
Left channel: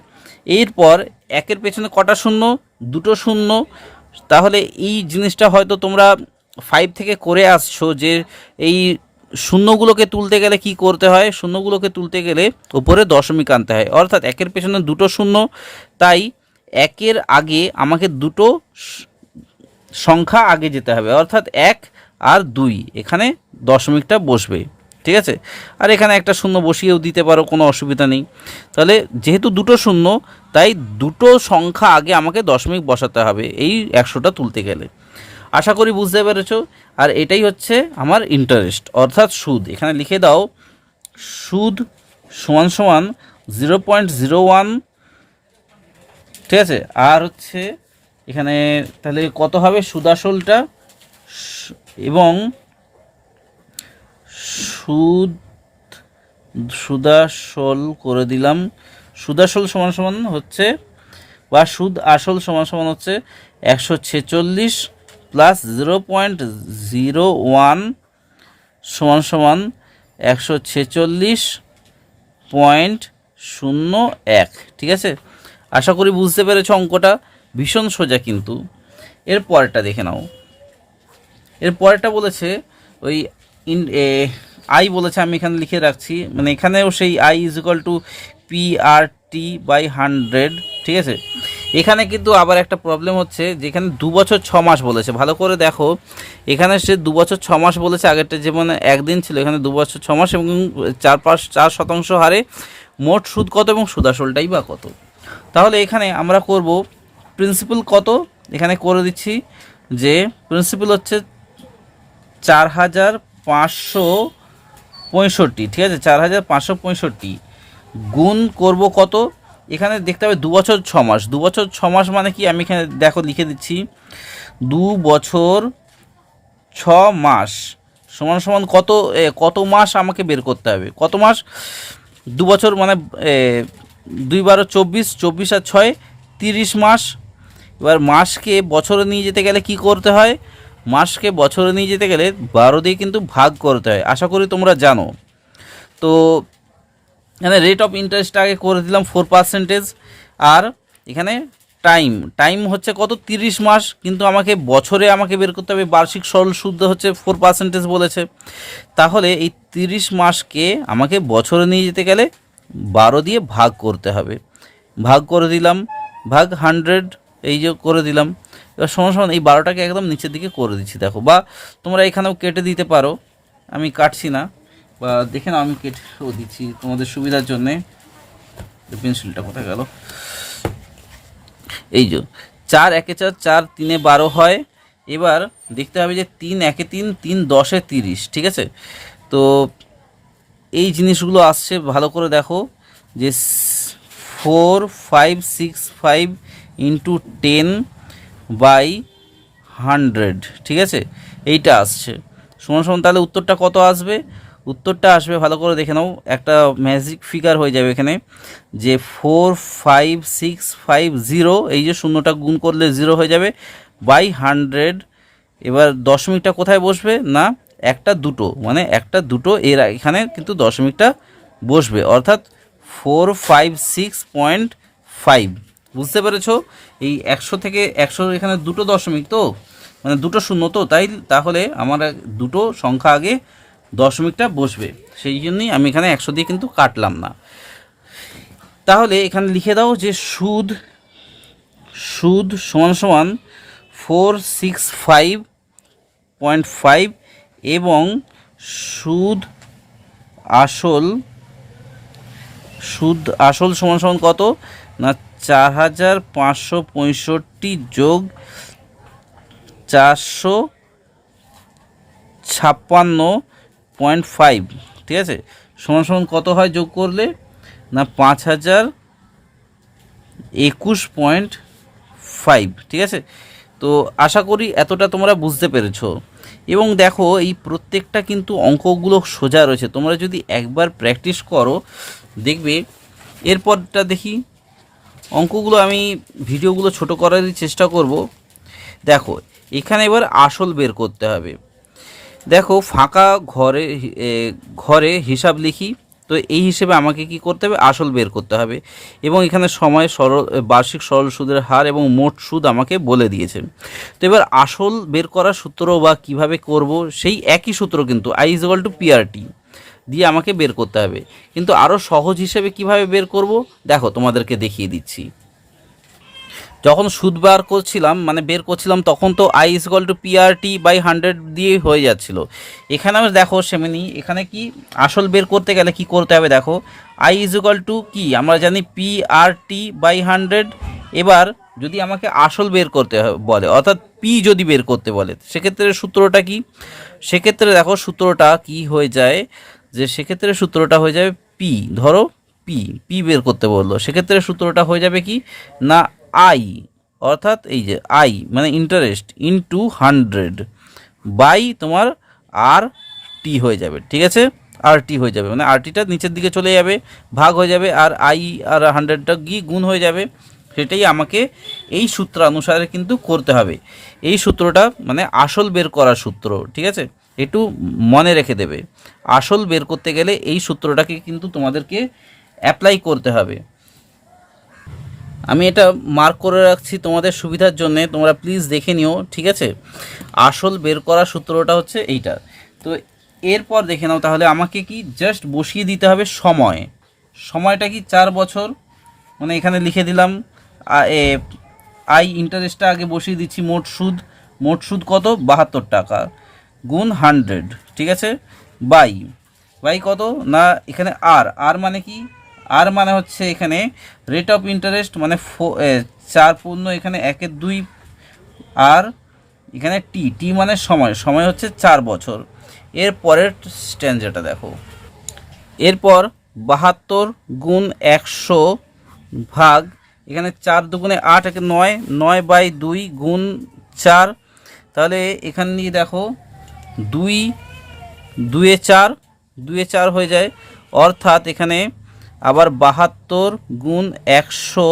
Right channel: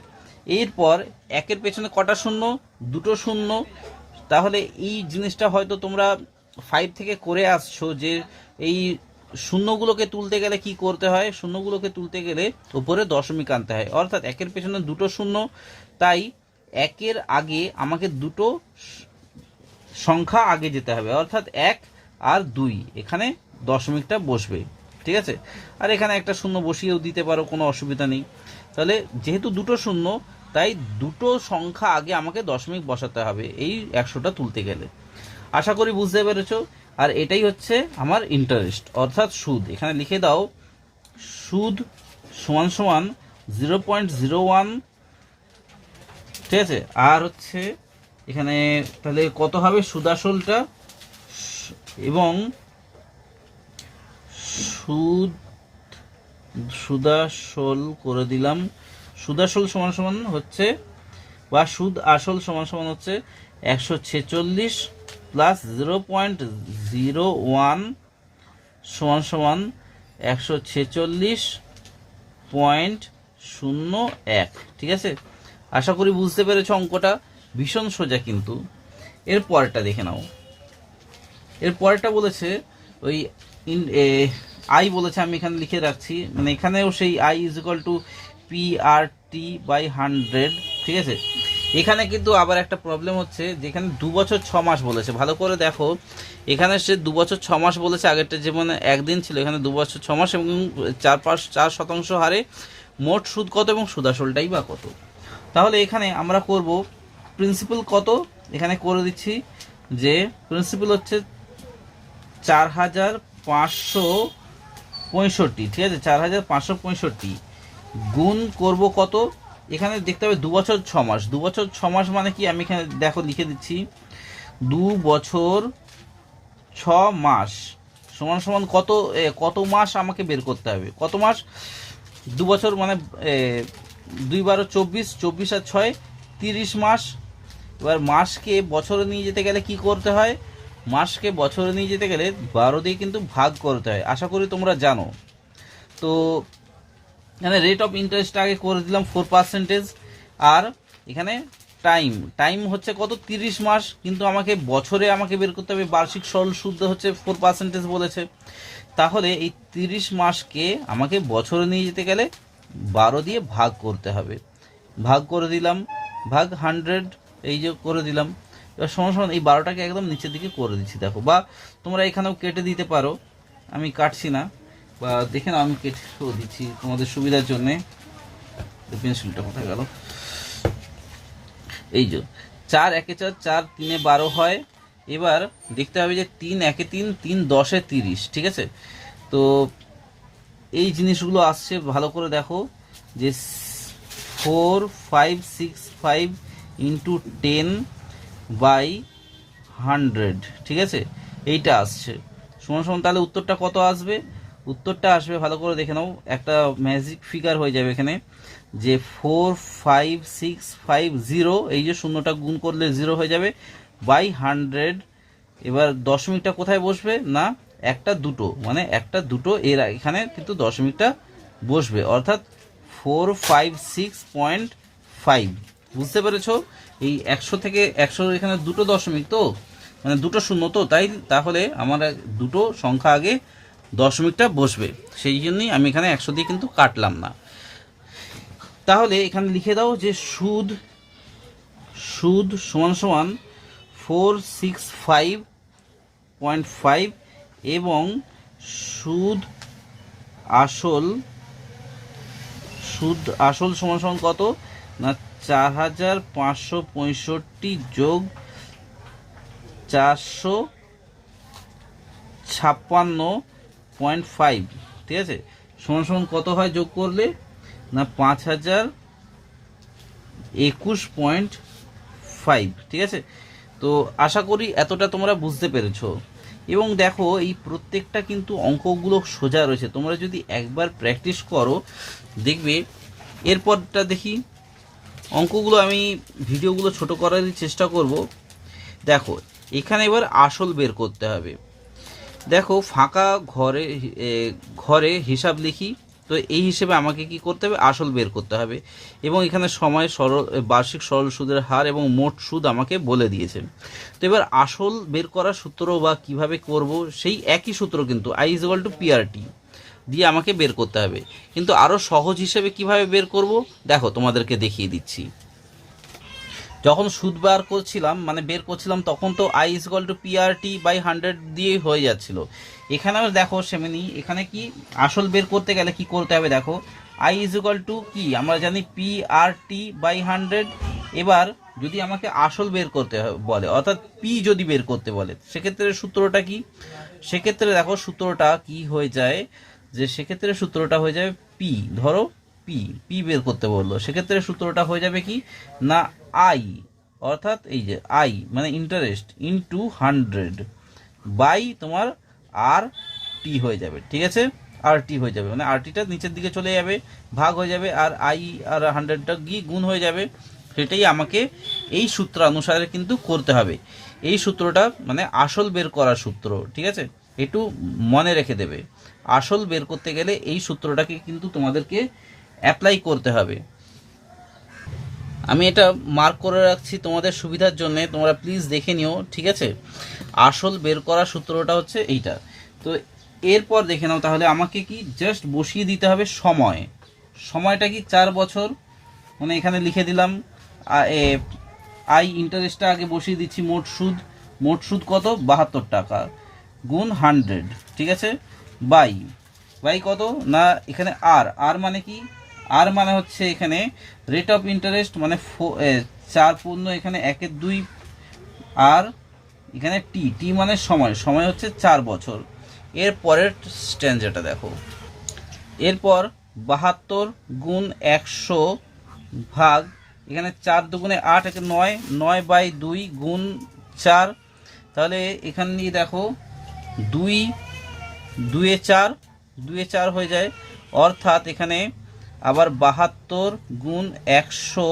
এরপর একের পেছনে কটা শূন্য, দুটো শূন্য। তাহলে এই জিনিসটা হয়তো তোমরা 5 থেকে করে আসছো, যে এই শূন্যগুলোকে তুলতে গেলে কি করতে হয়, শূন্যগুলোকে তুলতে গেলে উপরে দশমিক আনতে হয়, অর্থাৎ একের পেছনে দুটো শূন্য, তাই একের আগে আমাকে দুটো সংখ্যা আগে যেতে হবে, অর্থাৎ 1 আর 2, এখানে দশমিকটা বসবে, ঠিক আছে। আর এখানে একটা শূন্য বসিয়েও দিতে পারো, কোনো অসুবিধা নেই। তাহলে যেহেতু দুটো শূন্য, তাই দুটো সংখ্যা আগে আমাকে দশমিক বসাতে হবে এই 100টা তুলতে গেলে। আশা করি বুঝতে পেরেছো। আর এটাই হচ্ছে আমার ইন্টারেস্ট, অর্থাৎ সুদ। এখানে লিখে দাও সুদ সমান সমান 0.01, ঠিক আছে। আর হচ্ছে এখানে তাহলে কত হবে সুদাসলটা, এবং সুদাসল করে দিলাম। সুদাসল সমান সমান হচ্ছে, বা সুদ আসল সমান সমান হচ্ছে 146 প্লাস 0.01 সমান সমান 146.01, ঠিক আছে। আশা করি বুঝতে পেরেছ, অঙ্কটা ভীষণ সোজা কিন্তু। এর পরেরটা দেখে নাও। এর পরেরটা বলেছে ওই আই বলেছে, আমি এখানে লিখে রাখছি, মানে এখানেও সেই I is equal two PRT/100, ঠিক আছে। এখানে কিন্তু আবার একটা প্রবলেম হচ্ছে, যেখানে 2 বছর 6 মাস বলেছে, ভালো করে দেখো, এখানে সে 2 বছর 6 মাস বলেছে, আগেরটা যেমন একদিন ছিল, এখানে 2 বছর 6 মাস এবং 4% হারে মোট সুদ কত এবং সুদাসলটাই বা কত। তাহলে এখানে আমরা করব প্রিন্সিপাল কত, এখানে করে দিচ্ছি যে প্রিন্সিপাল হচ্ছে 4565, ঠিক আছে, 4565, গুণ করব কত, এখানে দেখতে হবে 2 বছর 6 মাস। 2 বছর 6 মাস মানে কি, আমি এখানে দেখো লিখে দিচ্ছি, 2 বছর 6 মাস সমান সমান কত, কত মাস আমাকে বের করতে হবে, কত মাস, 2 বছর মানে 2 12 24, 24 আর 6 30 মাস। এবার মাসকে বছরে নিয়ে যেতে গেলে কি করতে হয়, মাসকে বছরে নিয়ে যেতে গেলে 12 দিয়ে কিন্তু ভাগ করতে হয়, আশা করি তোমরা জানো। তো এখানে রেট অফ ইন্টারেস্ট আগে করে দিলাম 4%, আর এখানে টাইম হচ্ছে কত 30 মাস, কিন্তু আমাকে বছরে আমাকে বের করতে হবে, বার্ষিক সরল সুদ হচ্ছে 4% বলেছে। তাহলে এই 30 মাসকে আমাকে বছরে নিয়ে যেতে গেলে 12 দিয়ে ভাগ করতে হবে, ভাগ করে দিলাম, ভাগ 100, এই যে করে দিলাম, এবার সমান সমান এই 12টাকে একদম নিচের দিকে করে দিচ্ছি দেখো, বা তোমরা এখানেও কেটে দিতে পারো, আমি কাটছি না, বা দেখে নাও আমি কেটেও দিচ্ছি তোমাদের সুবিধার জন্যে। পেন্সিলটা কোথায় গেল, এই যে 4 একে 4, 4 3 12 হয়। এবার দেখতে হবে যে 3 একে 3, 3 10 30, ঠিক আছে। তো এই জিনিসগুলো আসছে ভালো করে দেখো, যে 4 5 6 5 ইন্টু 10/100, ঠিক আছে, এইটা আসছে সমান সমান। তাহলে উত্তরটা কত আসবে? উত্তরটা আসবে, ভালো করে দেখে নাও, একটা ম্যাজিক ফিগার হয়ে যাবে এখানে, যে 45650, এই যে শূন্যটা গুণ করলে 0 হয়ে যাবে, বাই 100। এবার দশমিকটা কোথায় বসবে না, একটা দুটো, মানে একটা দুটো এর এখানে কিন্তু দশমিকটা বসবে, অর্থাৎ 456.5। বুঝতে পেরেছো? এই 100 থেকে 100 এখানে দুটো দশমিক, তো মানে দুটো শূন্য, তো তাই তাহলে আমার দুটো সংখ্যা আগে দশমিকটা বসবে, সেই জন্যই আমি এখানে 100 দিয়ে কিন্তু কাটলাম না। তাহলে এখানে লিখে দাও যে সুদ সুদ সমান সমান 465.5 এবং সুদ আসল সমান সমান কত না 4565 যোগ 456.5, ঠিক আছে, সমান সমান কত হয় যোগ করলে না 5021.5, ঠিক আছে। তো আশা করি এতটা তোমরা বুঝতে পেরেছো। এবং দেখো এই প্রত্যেকটা কিন্তু অঙ্কগুলো সোজা রয়েছে, তোমরা যদি একবার প্র্যাকটিস করো দেখবে। এরপরটা দেখি, অঙ্কগুলো আমি ভিডিওগুলো ছোট করারই চেষ্টা করব। দেখো এখানে এবার আসল বের করতে হবে। দেখো ফাঁকা ঘরে হিসাব লিখি, তো এই হিসেবে আমাকে কি করতে হবে, আসল বের করতে হবে। এবং এখানে সময় বার্ষিক সরল সুদের হার এবং মোট সুদ আমাকে বলে দিয়েছে। তো এবার আসল বের করার সূত্র বা কিভাবে করব, সেই একই সূত্র কিন্তু I=PRT দিয়ে আমাকে বের করতে হবে। কিন্তু আরও সহজ হিসেবে কিভাবে বের করব দেখো তোমাদেরকে দেখিয়ে দিচ্ছি। যখন সুদ বের করছিলাম তখন তো I=PRT/100 দিয়ে হয়ে যাচ্ছিল। এখানেও দেখো সেমনি, এখানে কি আসল বের করতে গেলে কি করতে হবে দেখো, I= কি আমরা জানি PRT/100। এবার যদি আমাকে আসল বের করতে বলে, অর্থাৎ পি যদি বের করতে বলে, সেক্ষেত্রে সূত্রটা কি, সেক্ষেত্রে দেখো সূত্রটা কি হয়ে যায়, যে সেক্ষেত্রে সূত্রটা হয়ে যাবে পি, ধরো পি বের করতে বললো, সেক্ষেত্রে সূত্রটা হয়ে যাবে কি না আই, অর্থাৎ এই যে আই মানে ইন্টারেস্ট ইনটু 100 বাই তোমার আর টি হয়ে যাবে, ঠিক আছে, আর টি হয়ে যাবে, মানে আর টিটা নিচের দিকে চলে যাবে, ভাগ হয়ে যাবে, আর আই আর 100টা গিয়ে গুণ হয়ে যাবে। সেটাই আমাকে এই সূত্র অনুসারে কিন্তু করতে হবে। এই সূত্রটা মানে আসল বের করার সূত্র, ঠিক আছে, একটু মনে রেখে দেবে। আসল বের করতে গেলে এই সূত্রটাকে কিন্তু তোমাদেরকে অ্যাপ্লাই করতে হবে। আমি এটা মার্ক করে রাখছি তোমাদের সুবিধার জন্য, তোমরা প্লিজ দেখে নিও, ঠিক আছে। আসল বের করার সূত্রটা হচ্ছে এইটা। তো এরপর দেখে নাও, তাহলে আমাকে কি জাস্ট বসিয়ে দিতে হবে সময়টা কি 4 বছর, মানে এখানে লিখে দিলাম ইন্টারেস্টটা আগে বসিয়ে দিচ্ছি, মোট সুদ কত 72 টাকা গুণ 100, ঠিক আছে, বাই কত না এখানে আর মানে কি, আর মানে হচ্ছে এখানে রেট অফ ইন্টারেস্ট, মানে 4 পূর্ণ এখানে 1/2, আর এখানে টি মানে সময় হচ্ছে 4 বছর। এর পরের স্ট্যান্ডারটা দেখো, এরপর 72 গুণ 100 ভাগ এখানে 4 দুগুণে 8, 9/2 গুণ 4, তাহলে এখানে নিয়ে দেখো 2 2 4 হয়ে যায়, অর্থাৎ এখানে আবার 72 গুণ 100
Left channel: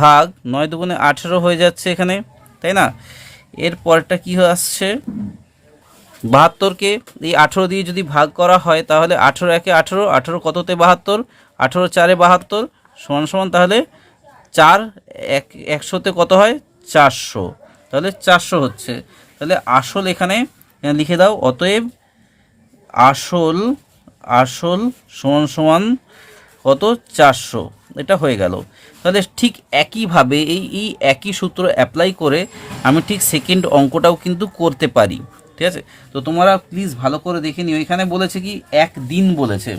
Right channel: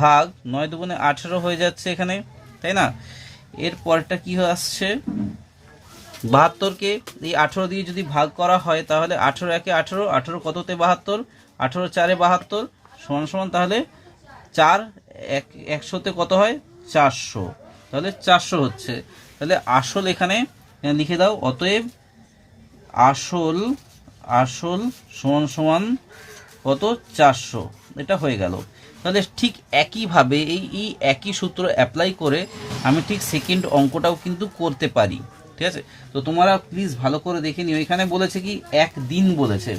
ভাগ 9 দুগুণে 18 হয়ে যাচ্ছে এখানে, তাই না। এর পরটা কি আসছে, 72কে এই 18 দিয়ে যদি ভাগ করা হয় তাহলে 18 একে 18, 18 কততে 72, 18 4-এ 72 সমান সমান, তাহলে 100তে কত হয় 400, তাহলে 400 হচ্ছে। তাহলে আসল এখানে লিখে দাও, অতএব আসল সমান সমান কত 400, এটা হয়ে গেল। তাহলে ঠিক একইভাবে এই একই সূত্র অ্যাপ্লাই করে আমি ঠিক সেকেন্ড অঙ্কটাও কিন্তু করতে পারি। ঠিক আছে, তো তোমরা প্লিজ ভালো করে দেখে নিও। এখানে বলেছে কি একদিন বলেছে।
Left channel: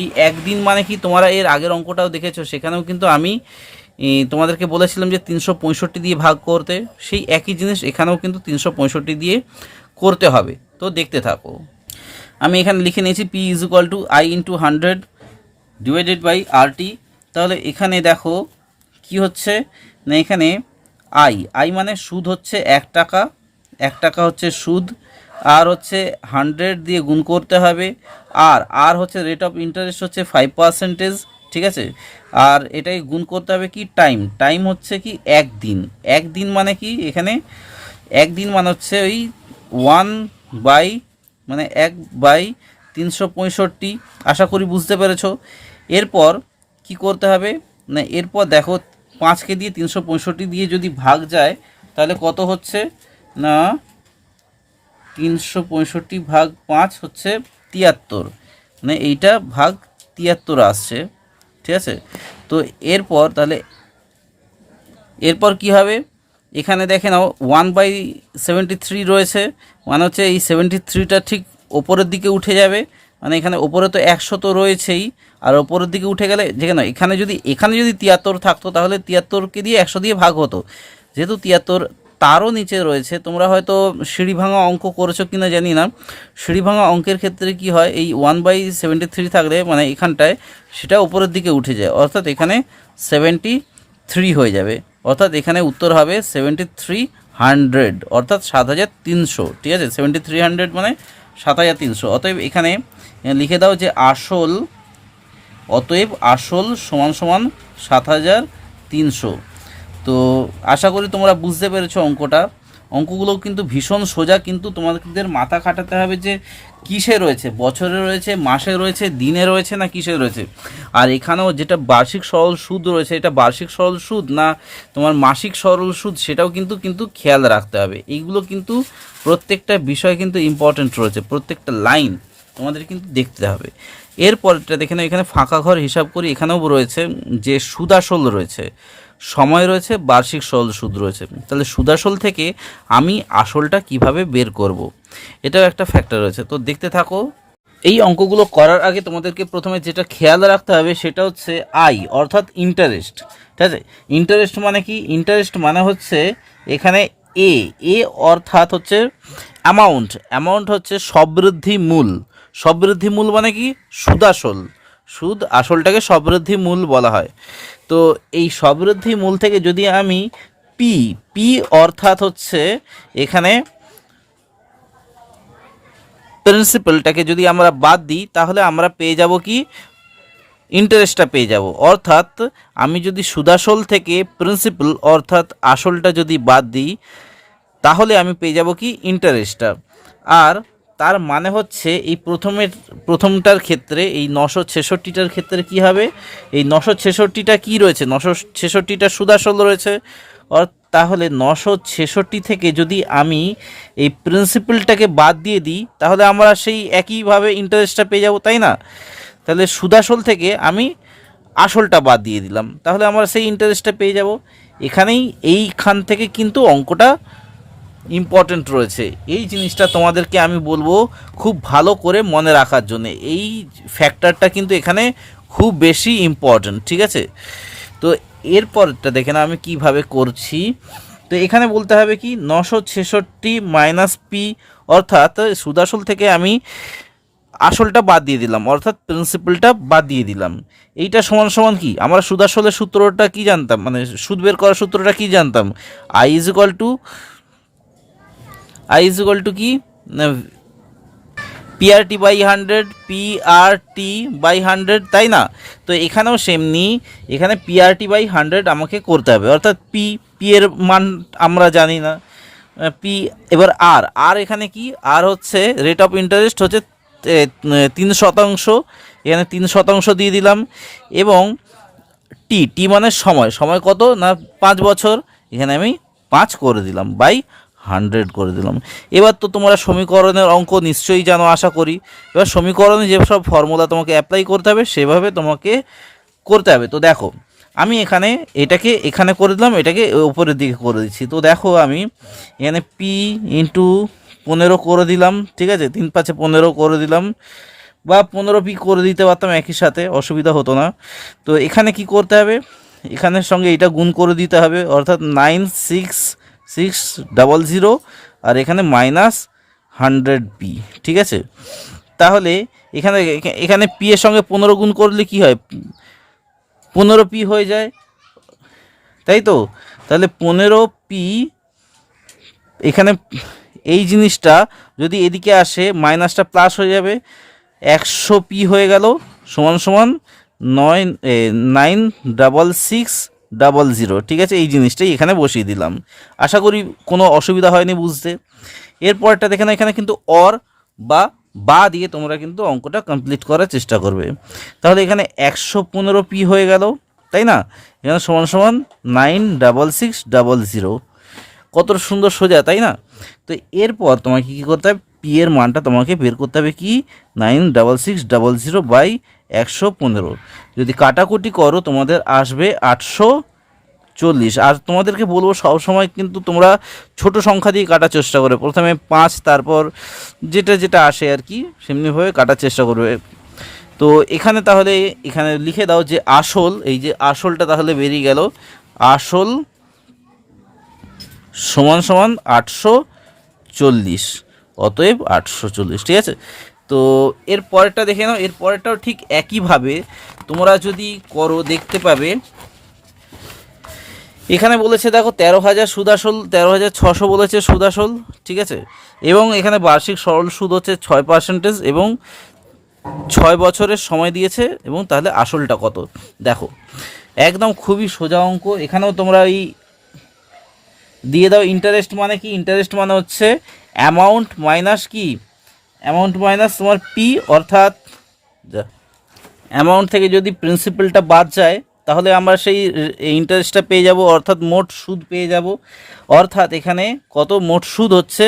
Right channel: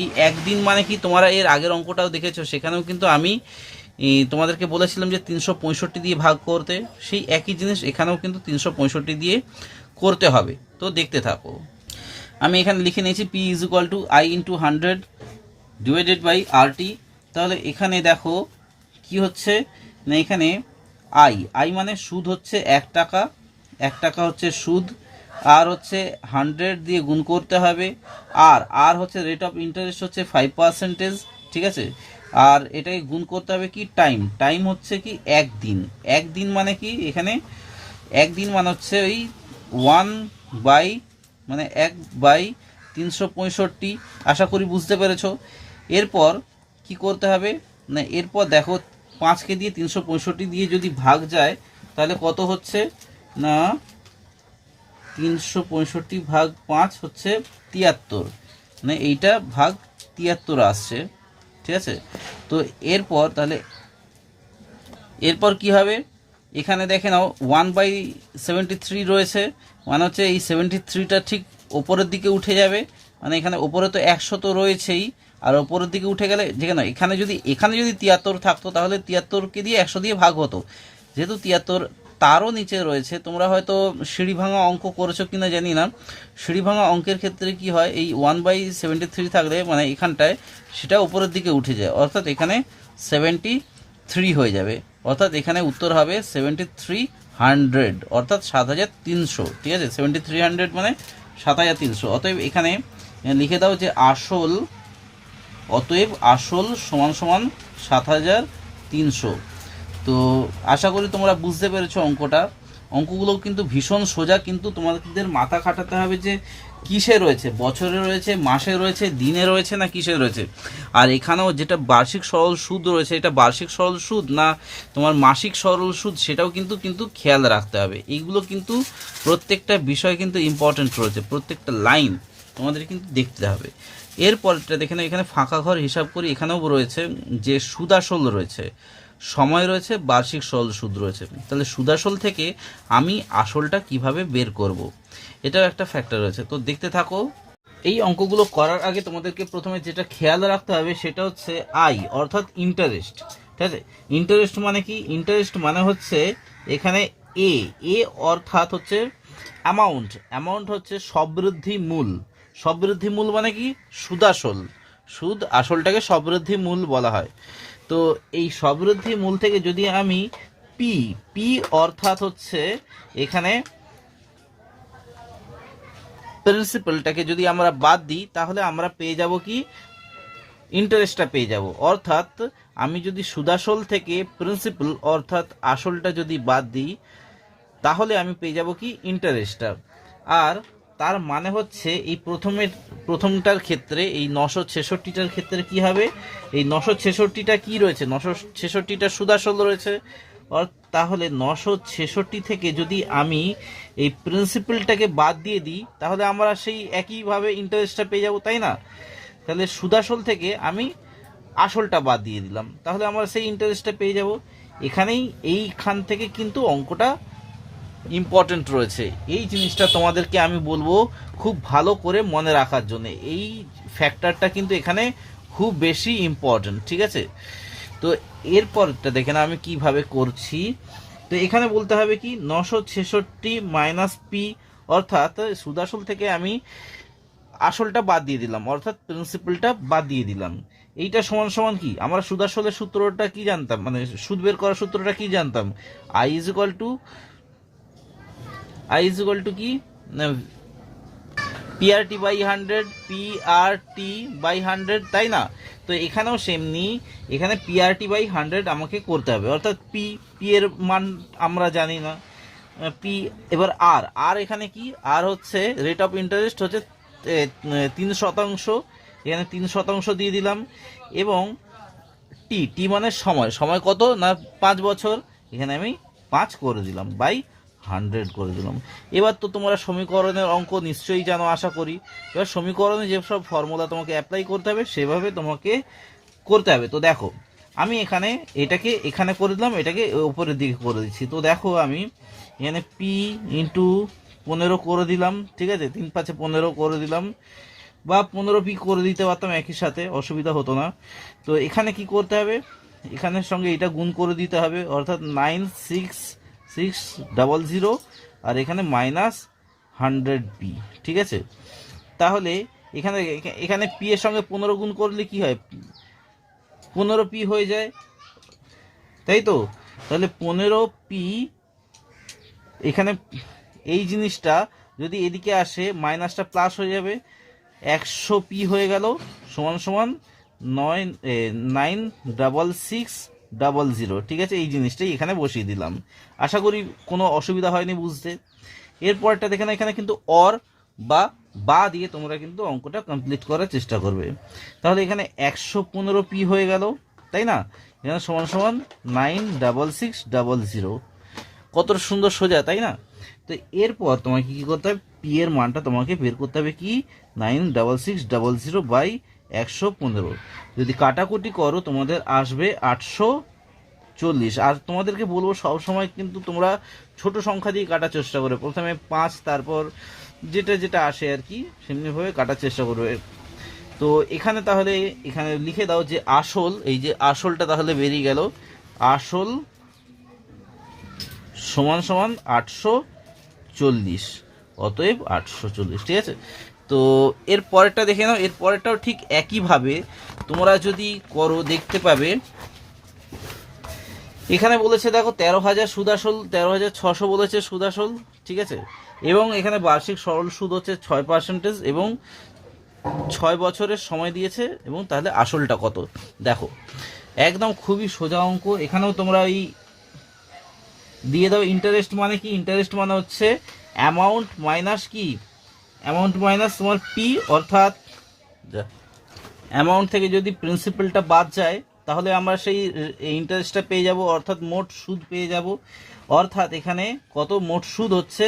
এই একদিন মানে কি, তোমরা এর আগের অঙ্কটাও দেখেছো, সেখানেও কিন্তু আমি তোমাদেরকে বলেছিলাম যে 365 দিয়ে ভাগ করতে। সেই একই জিনিস এখানেও কিন্তু 365 দিয়ে করতে হবে। তো দেখতে থাকো। আমি এখানে লিখে নিয়েছি P is equal to I into 100 divided by RT। তাহলে এখানে দেখো কি হচ্ছে না, এখানে আই মানে সুদ হচ্ছে 1 টাকা, 1 টাকা হচ্ছে সুদ, আর হচ্ছে 100 দিয়ে গুণ করতে হবে, আর হচ্ছে রেট অফ ইন্টারেস্ট হচ্ছে 5%। ঠিক আছে, আর এটাই গুণ করতে হবে কি টাইম হচ্ছে কি একদিন। একদিন মানে কি, এখানে একদিন মানে হচ্ছে ওই 1/365। আশা করি বুঝতে পেরেছো। এরপর কি করতে হবে না, এরপর দেখো 5কে দিয়ে 365 দিয়ে যদি ভাগ যায় তাহলে কত হচ্ছে না, 365 ভাগ 5 হচ্ছে 73, মানে এইটা ভাগ 73 আসছে। ঠিক আছে, তো এরপর তাহলে এরপর কি হবে, এখানে দেখে নাও 1/73 রয়েছে, মানে হচ্ছে এই 73টা ঠিক ওপরের দিকে উঠে যাবে। মানে এখানে ওপরে তো 100 তো রয়েছেই, আর ওপরের দিকে উঠে গেলে যেখানে এখানে যদি 73 থাকতো তাহলে 73কে দিয়ে 100 দিয়ে ভাগ হতো। যেহেতু 73 তারও নিচে রয়েছে, তোমরা হয়তো সিঁড়ি ভাঙা অঙ্ক করেছো কিনা জানি না। সিঁড়ি ভাঙা অঙ্কের ক্ষেত্রে কি হয়, এই 1/73 থাকলে মানে এখানটায় সেটা উপরের দিকে উঠে যায়, অর্থাৎ এখানে 73 হয়ে যাবে। অর্থাৎ এখানে উত্তর হবে 7300, অর্থাৎ 7300। ঠিক আছে, 7300 মানে 7300। অতএব এখানে লিখে দাও যে আসল সমান সমান 7300। তো আশা করি তোমরা বুঝতে পেরেছো অঙ্কগুলো কিন্তু ভীষণ সোজা, কিন্তু তোমাদের মাথা খাটাতে হবে যে কিসে রয়েছে, বছরে রয়েছে, মাসে রয়েছে, দিনে রয়েছে, না কিসে রয়েছে। আর এখানেও যেটা বার্ষিক সরল সুদ রয়েছে, এটা বার্ষিক সরল সুদ না তোমার মাসিক সরল সুদ, সেটাও কিন্তু খেয়াল রাখতে হবে। এইগুলো কিন্তু প্রত্যেকটা বিষয় কিন্তু ইম্পর্টেন্ট রয়েছে, প্রত্যেকটা লাইন তোমাদের কিন্তু দেখতে হবে। এরপরটা দেখে নাও, এখানে ফাঁকা ঘর হিসাব করি, এখানেও রয়েছে যে সুদাসল রয়েছে, সময় রয়েছে, বার্ষিক সরল সুদ রয়েছে। তাহলে সুদাসল থেকে আমি আসলটা কিভাবে বের করব, এটাও একটা ফ্যাক্টর রয়েছে। তো দেখতে থাকো। এই অঙ্কগুলো করার আগে তোমাদেরকে প্রথমে যেটা খেয়াল রাখতে হবে সেটা হচ্ছে আই, অর্থাৎ ইন্টারেস্ট। ঠিক আছে, ইন্টারেস্ট মানে কি, ইন্টারেস্ট মানে হচ্ছে এখানে এ অর্থাৎ হচ্ছে অ্যামাউন্ট হচ্ছে সবৃদ্ধি মূল। সবৃদ্ধি মূল মানে কি, সুদ আসলটাকে সবৃদ্ধি মূল বলা হয়। তো এই সবৃদ্ধি মূল থেকে যদি আমি পি অর্থাৎ হচ্ছে এখানে প্রিন্সিপালটাকে যদি আমরা বাদ দিই তাহলে আমরা পেয়ে যাব কি, ইন্টারেস্টটা পেয়ে যাব। অর্থাৎ আমি যদি সুদাসল থেকে প্রিন্সিপাল অর্থাৎ আসলটা যদি বাদ দিই তাহলে আমি পেয়ে যাব কি, ইন্টারেস্টটা। আর তার মানে হচ্ছে এই প্রথমটার ক্ষেত্রে, এই 966টার ক্ষেত্রে কি হবে, এই 966টা কি রয়েছে, 966টা সুদাসল রয়েছে। তাহলে 966 থেকে যদি আমি এই প্রিন্সিপালটাকে বাদ দিয়ে দিই তাহলে আমরা সেই একইভাবে ইন্টারেস্টটা পেয়ে যাব, তাই না? তাহলে সুদাসল থেকে আমি আসলটা বাদ দিয়ে দিলাম, তাহলে আমরা সেই ইন্টারেস্টটা পেয়ে যাব। এইখান থেকে কিন্তু অঙ্কটা ইম্পর্টেন্ট রয়েছে। এই জিনিসটা তোমাদেরকে আমি বলবো খুব ভালো করে মনে রাখার জন্য। এই ফ্যাক্টরটা কিন্তু এখানে খুব বেশি ইম্পর্টেন্ট। ঠিক আছে, তো এরপরটা দেখে না আমি কিভাবে করছি। তো এখানে বলতে হবে কি, 966 মাইনাস পি, অর্থাৎ সুদাসল থেকে আমি আসলটা বাদ দিয়ে দিলাম, অর্থাৎ প্রিন্সিপালটা বাদ দিয়ে দিলাম। এইটা সমান সমান কি, আমরা সুদাসলের সূত্রটা কি জানতাম, মানে সুদ বের করার সূত্রটা কি জানতাম, আই ইজ ইকুয়াল টু কি, PRT বাই 100, PRT বাই 100, তাই না? তো এখানেও সেমনি, এখানে PRT বাই 100 আমাকে করতে হবে, অর্থাৎ পি এর মান আমরা জানি না, পি। এবার আর এখানে কি, আর হচ্ছে রেট অফ ইন্টারেস্ট হচ্ছে 3%, এখানে 3% দিয়ে দিলাম। এবং টি মানে সময় কত না, 5 বছর, এখানে আমি 5 করে দিলাম, বাই 100 করে দিলাম। এবার তো তোমরা সমীকরণের অঙ্ক নিশ্চয়ই জানো আশা করি। এবার সমীকরণে যেসব ফর্মুলা তোমাকে অ্যাপ্লাই করতে হবে সেভাবে তোমাকে করতে হবে। তো দেখো, আমি এখানে এটাকে এখানে করে দিলাম, এটাকে উপরের দিকে করে দিচ্ছি। তো দেখো আমি এখানে পি ইন্টু 15 করে দিলাম, ঠিক আছে, 3 5 15 করে দিলাম, বা 15p করে দিতে পারতাম, একই সাথে অসুবিধা হতো না। তো এখানে কি করতে হবে, এখানের সঙ্গে এটা গুণ করে দিতে হবে, অর্থাৎ 96600, আর এখানে -100p, ঠিক আছে। তাহলে এখানে এখানে পি এর সঙ্গে 15 গুণ করলে কি হয়, 15p হয়ে যায়, তাই তো। তাহলে 15p, এখানে এই জিনিসটা যদি এদিকে আসে মাইনাসটা প্লাস হয়ে যাবে, 100p হয়ে গেল, সমান সমান 96600, ঠিক আছে। এই জিনিসটাই এখানে বসিয়ে দিলাম, আশা করি কোনো অসুবিধা হয়নি বুঝতে। এরপরটা দেখে না, এখানে কিন্তু অর বা দিয়ে তোমরা কিন্তু অঙ্কটা কমপ্লিট করার চেষ্টা করবে। তাহলে এখানে 115p হয়ে গেল, তাই না, এখানে সমান সমান 96600, কত সুন্দর সোজা, তাই না। তো এরপর তোমাকে কী করতে হবে, পি এর মানটা তোমাকে বের করতে হবে, কি 96600/115। যদি কাটাকুটি করো তোমাদের আসবে 840। আর তোমাদেরকে বলবো সবসময় কিন্তু তোমরা ছোট সংখ্যা দিয়ে কাটার চেষ্টা করবে, প্রথমে 5, তারপর যেটা যেটা আসে আর কি সেমনিভাবে কাটার চেষ্টা করবে। তো এখানে তাহলে এখানে লিখে দাও যে আসল, এই যে আসলটা তাহলে বেরিয়ে গেল, আসল সমান সমান 840, অতএব 840, ঠিক আছে। তো এর পরেরটা দেখে নাও, এর পরেরটাও ঠিক একইভাবে তোমরা যদি করো দেখতে পাবে। এখানে বলেছে দেখো 13,000 সুদ আসল, 13,600 বলেছে সুদ আসল, ঠিক আছে। এবং এখানে বার্ষিক সরল সুদ হচ্ছে 6% এবং 6 বছরের সময় দিয়েছে, এবং তাহলে আসলটা কত দেখো, একদম খুবই সোজা অঙ্ক। এখানেও তোমরা এই দিয়ে দাও ইন্টারেস্ট মানে কি, ইন্টারেস্ট মানে হচ্ছে অ্যামাউন্ট মাইনাস কি, অ্যামাউন্ট মাইনাস তোমার পি, অর্থাৎ অ্যামাউন্ট থেকে যদি প্রিন্সিপালটা বাদ যায় তাহলে আমরা সেই ইন্টারেস্টটা পেয়ে যাব, অর্থাৎ মোট সুদ পেয়ে যাব। অর্থাৎ এখানে কত মোট সুদ হচ্ছে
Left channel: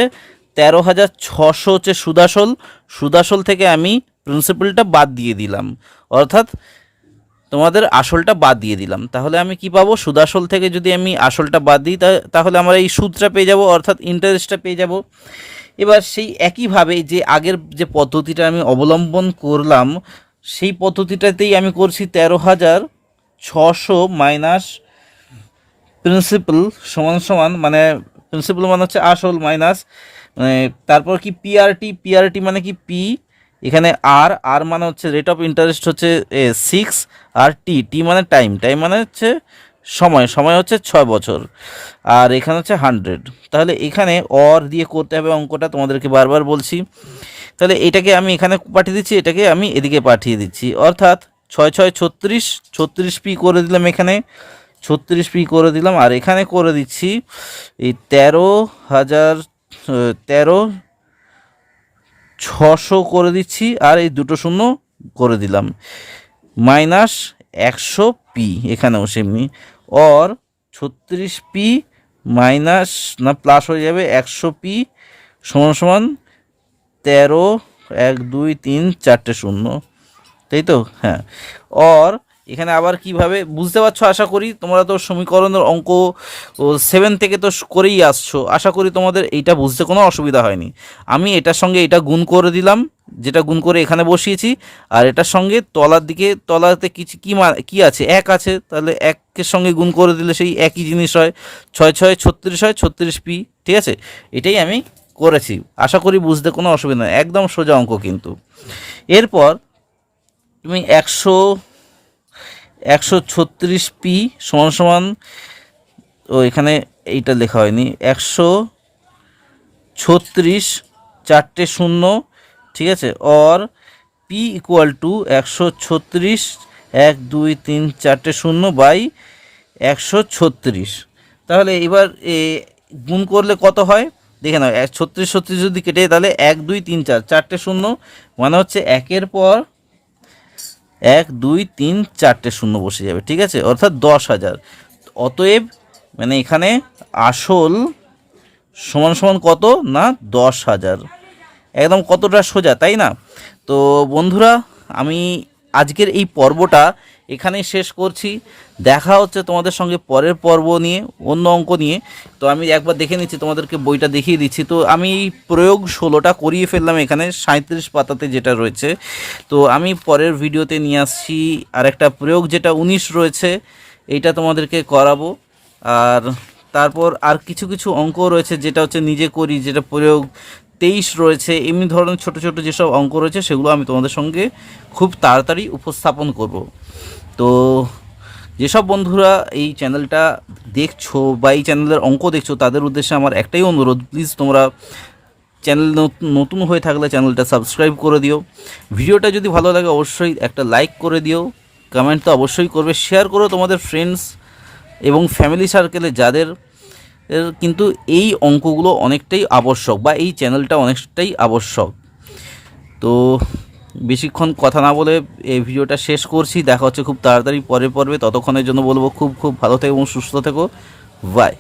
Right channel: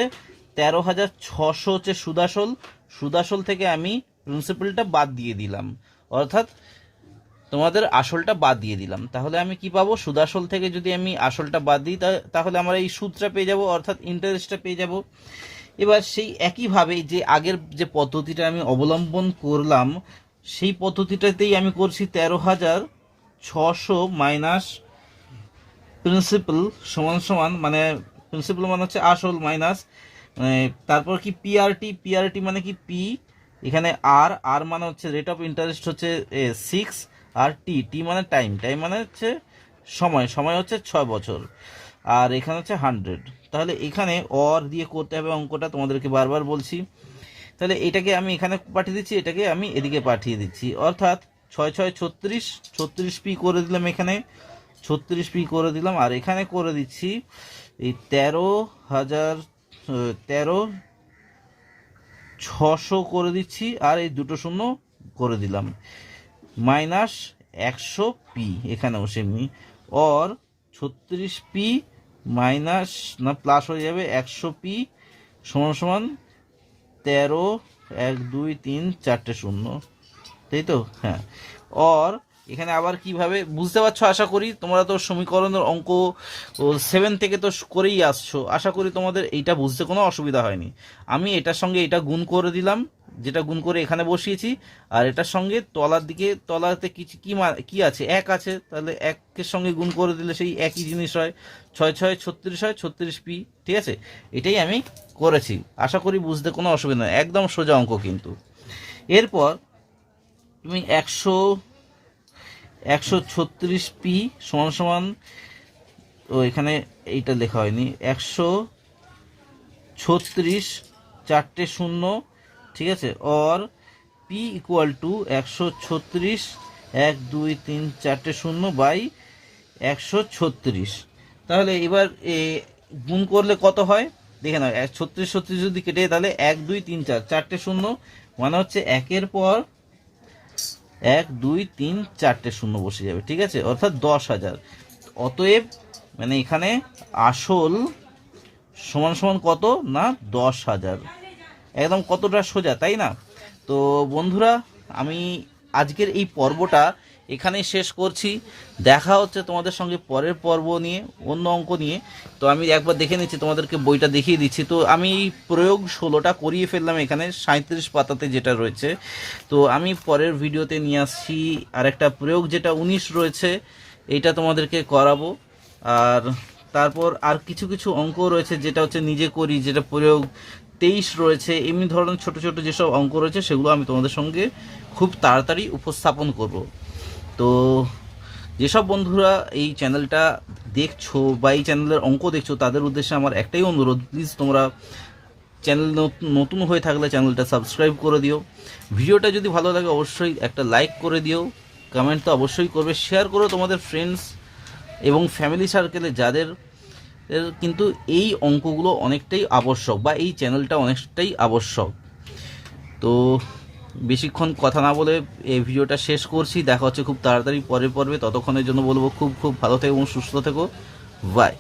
13,600 হচ্ছে সুদাসল, সুদাসল থেকে আমি প্রিন্সিপালটা বাদ দিয়ে দিলাম, অর্থাৎ তোমাদের আসলটা বাদ দিয়ে দিলাম। তাহলে আমি কি পাবো, সুদাসল থেকে যদি আমি আসলটা বাদ দিই তাহলে আমরা এই সুদটা পেয়ে যাব, অর্থাৎ ইন্টারেস্টটা পেয়ে যাব। এবার সেই একইভাবে যে আগের যে পদ্ধতিটা আমি অবলম্বন করলাম সেই পদ্ধতিটাতেই আমি করছি, 13,600 মাইনাস প্রিন্সিপাল সমান সমান, মানে প্রিন্সিপাল মানে হচ্ছে আসল মাইনাস, মানে তারপর কি পিআরটি, পিআরটি মানে কি পি, এখানে আর মানে হচ্ছে রেট অফ ইন্টারেস্ট হচ্ছে 6, আর টি মানে টাইম, টাইম মানে হচ্ছে সময়, সময় হচ্ছে 6 বছর, আর এখানে হচ্ছে 100। তাহলে এখানে অর দিয়ে করতে হবে অঙ্কটা, তোমাদেরকে বারবার বলছি। তাহলে এটাকে আমি এখানে পাঠিয়ে দিচ্ছি, এটাকে আমি এদিকে পাঠিয়ে দিচ্ছি, অর্থাৎ 6 6 36, 36p করে দিলাম, এখানে 36p করে দিলাম, আর এখানে করে দিচ্ছি এই 13,600 করে দিচ্ছি, আর এই দুটো শূন্য করে দিলাম, -100p, এখানেও সেমনি, অর 36p মাইনাস না প্লাস হয়ে যাবে 100p সমান সমান 13, 1 2 3 4টে শূন্য, তাই তো, হ্যাঁ। অর এখানে আবার কিভাবে বুঝতে পারছো, আশা করি তোমরা তো সমীকরণের অঙ্ক 7 থেকে তো করেই আসছো, আশা করি তোমাদের এইটা বুঝতে কোনো অসুবিধা হয়নি। আমি এটার সঙ্গে এটা গুণ করে দিলাম, যেটা গুণ করে এখানে বসিয়েছি, আর এটার সঙ্গে তলার দিকে, তলাতে কিছু কি আছে, 1 আছে, তাহলে 1-এর সঙ্গে গুণ করে দিলে সেই একই জিনিস হয়, 6 6 36 হয়, 36p, ঠিক আছে। এটাই আমি করেছি, আশা করি বুঝতে কোনো অসুবিধা নেই, একদম সোজা অঙ্ক কিন্তু। এরপর তুমি 136p সমান সমান, ও এখানে এইটা লেখা হয়নি, 136 4টে শূন্য, ঠিক আছে, অর পি ইকুয়াল টু 136 1 2 3 4টে শূন্য বাই 136। তাহলে এবার গুণ করলে কত হয় দেখে নাও, 36 36 যদি কেটে তাহলে 1 2 3 4 4টে শূন্য, মানে হচ্ছে 1-এর পর 1 2 3 4টে শূন্য বসে যাবে, ঠিক আছে, অর্থাৎ 10,000। অতএব মানে এখানে আসল সমান সমান কত না 10,000, একদম কতটা সোজা, তাই না। তো বন্ধুরা, আমি আজকের এই পর্বটা এখানেই শেষ করছি। দেখা হচ্ছে তোমাদের সঙ্গে পরের পর্ব নিয়ে, অন্য অঙ্ক নিয়ে। তো আমি একবার দেখে নিচ্ছি, তোমাদেরকে বইটা দেখিয়ে দিচ্ছি। তো আমি প্রয়োগ 16টা করিয়ে ফেললাম এখানে 37 পাতাতে যেটা রয়েছে। তো আমি পরের ভিডিওতে নিয়ে আসছি আর একটা প্রয়োগ যেটা 19 রয়েছে, এইটা তোমাদেরকে করাবো। আর তারপর আর কিছু কিছু অঙ্ক রয়েছে যেটা হচ্ছে নিজে করি, যেটা প্রয়োগ 23 রয়েছে। এমনি ধরনের ছোট ছোট যেসব অঙ্ক রয়েছে সেগুলো আমি তোমাদের সঙ্গে খুব তাড়াতাড়ি উপস্থাপন করব। তো যেসব বন্ধুরা এই চ্যানেলটা দেখছো বা এই চ্যানেলের অঙ্ক দেখছো, তাদের উদ্দেশ্যে আমার একটাই অনুরোধ, প্লিজ তোমরা চ্যানেল নতুন হয়ে থাকলে চ্যানেলটা সাবস্ক্রাইব করে দিও। ভিডিওটা যদি ভালো লাগে অবশ্যই একটা লাইক করে দিও, কমেন্ট তো অবশ্যই করবে, শেয়ার করো তোমাদের ফ্রেন্ডস এবং ফ্যামিলি সার্কেলে যাদের কিন্তু এই অঙ্কগুলো অনেকটাই আবশ্যক বা এই চ্যানেলটা অনেকটাই আবশ্যক। তো বেশিক্ষণ কথা না বলে এই ভিডিওটা শেষ করছি। দেখা হচ্ছে খুব তাড়াতাড়ি পরের পর্বে। ততক্ষণের জন্য বলবো খুব খুব ভালো থেকো এবং সুস্থ থেকো। বাই।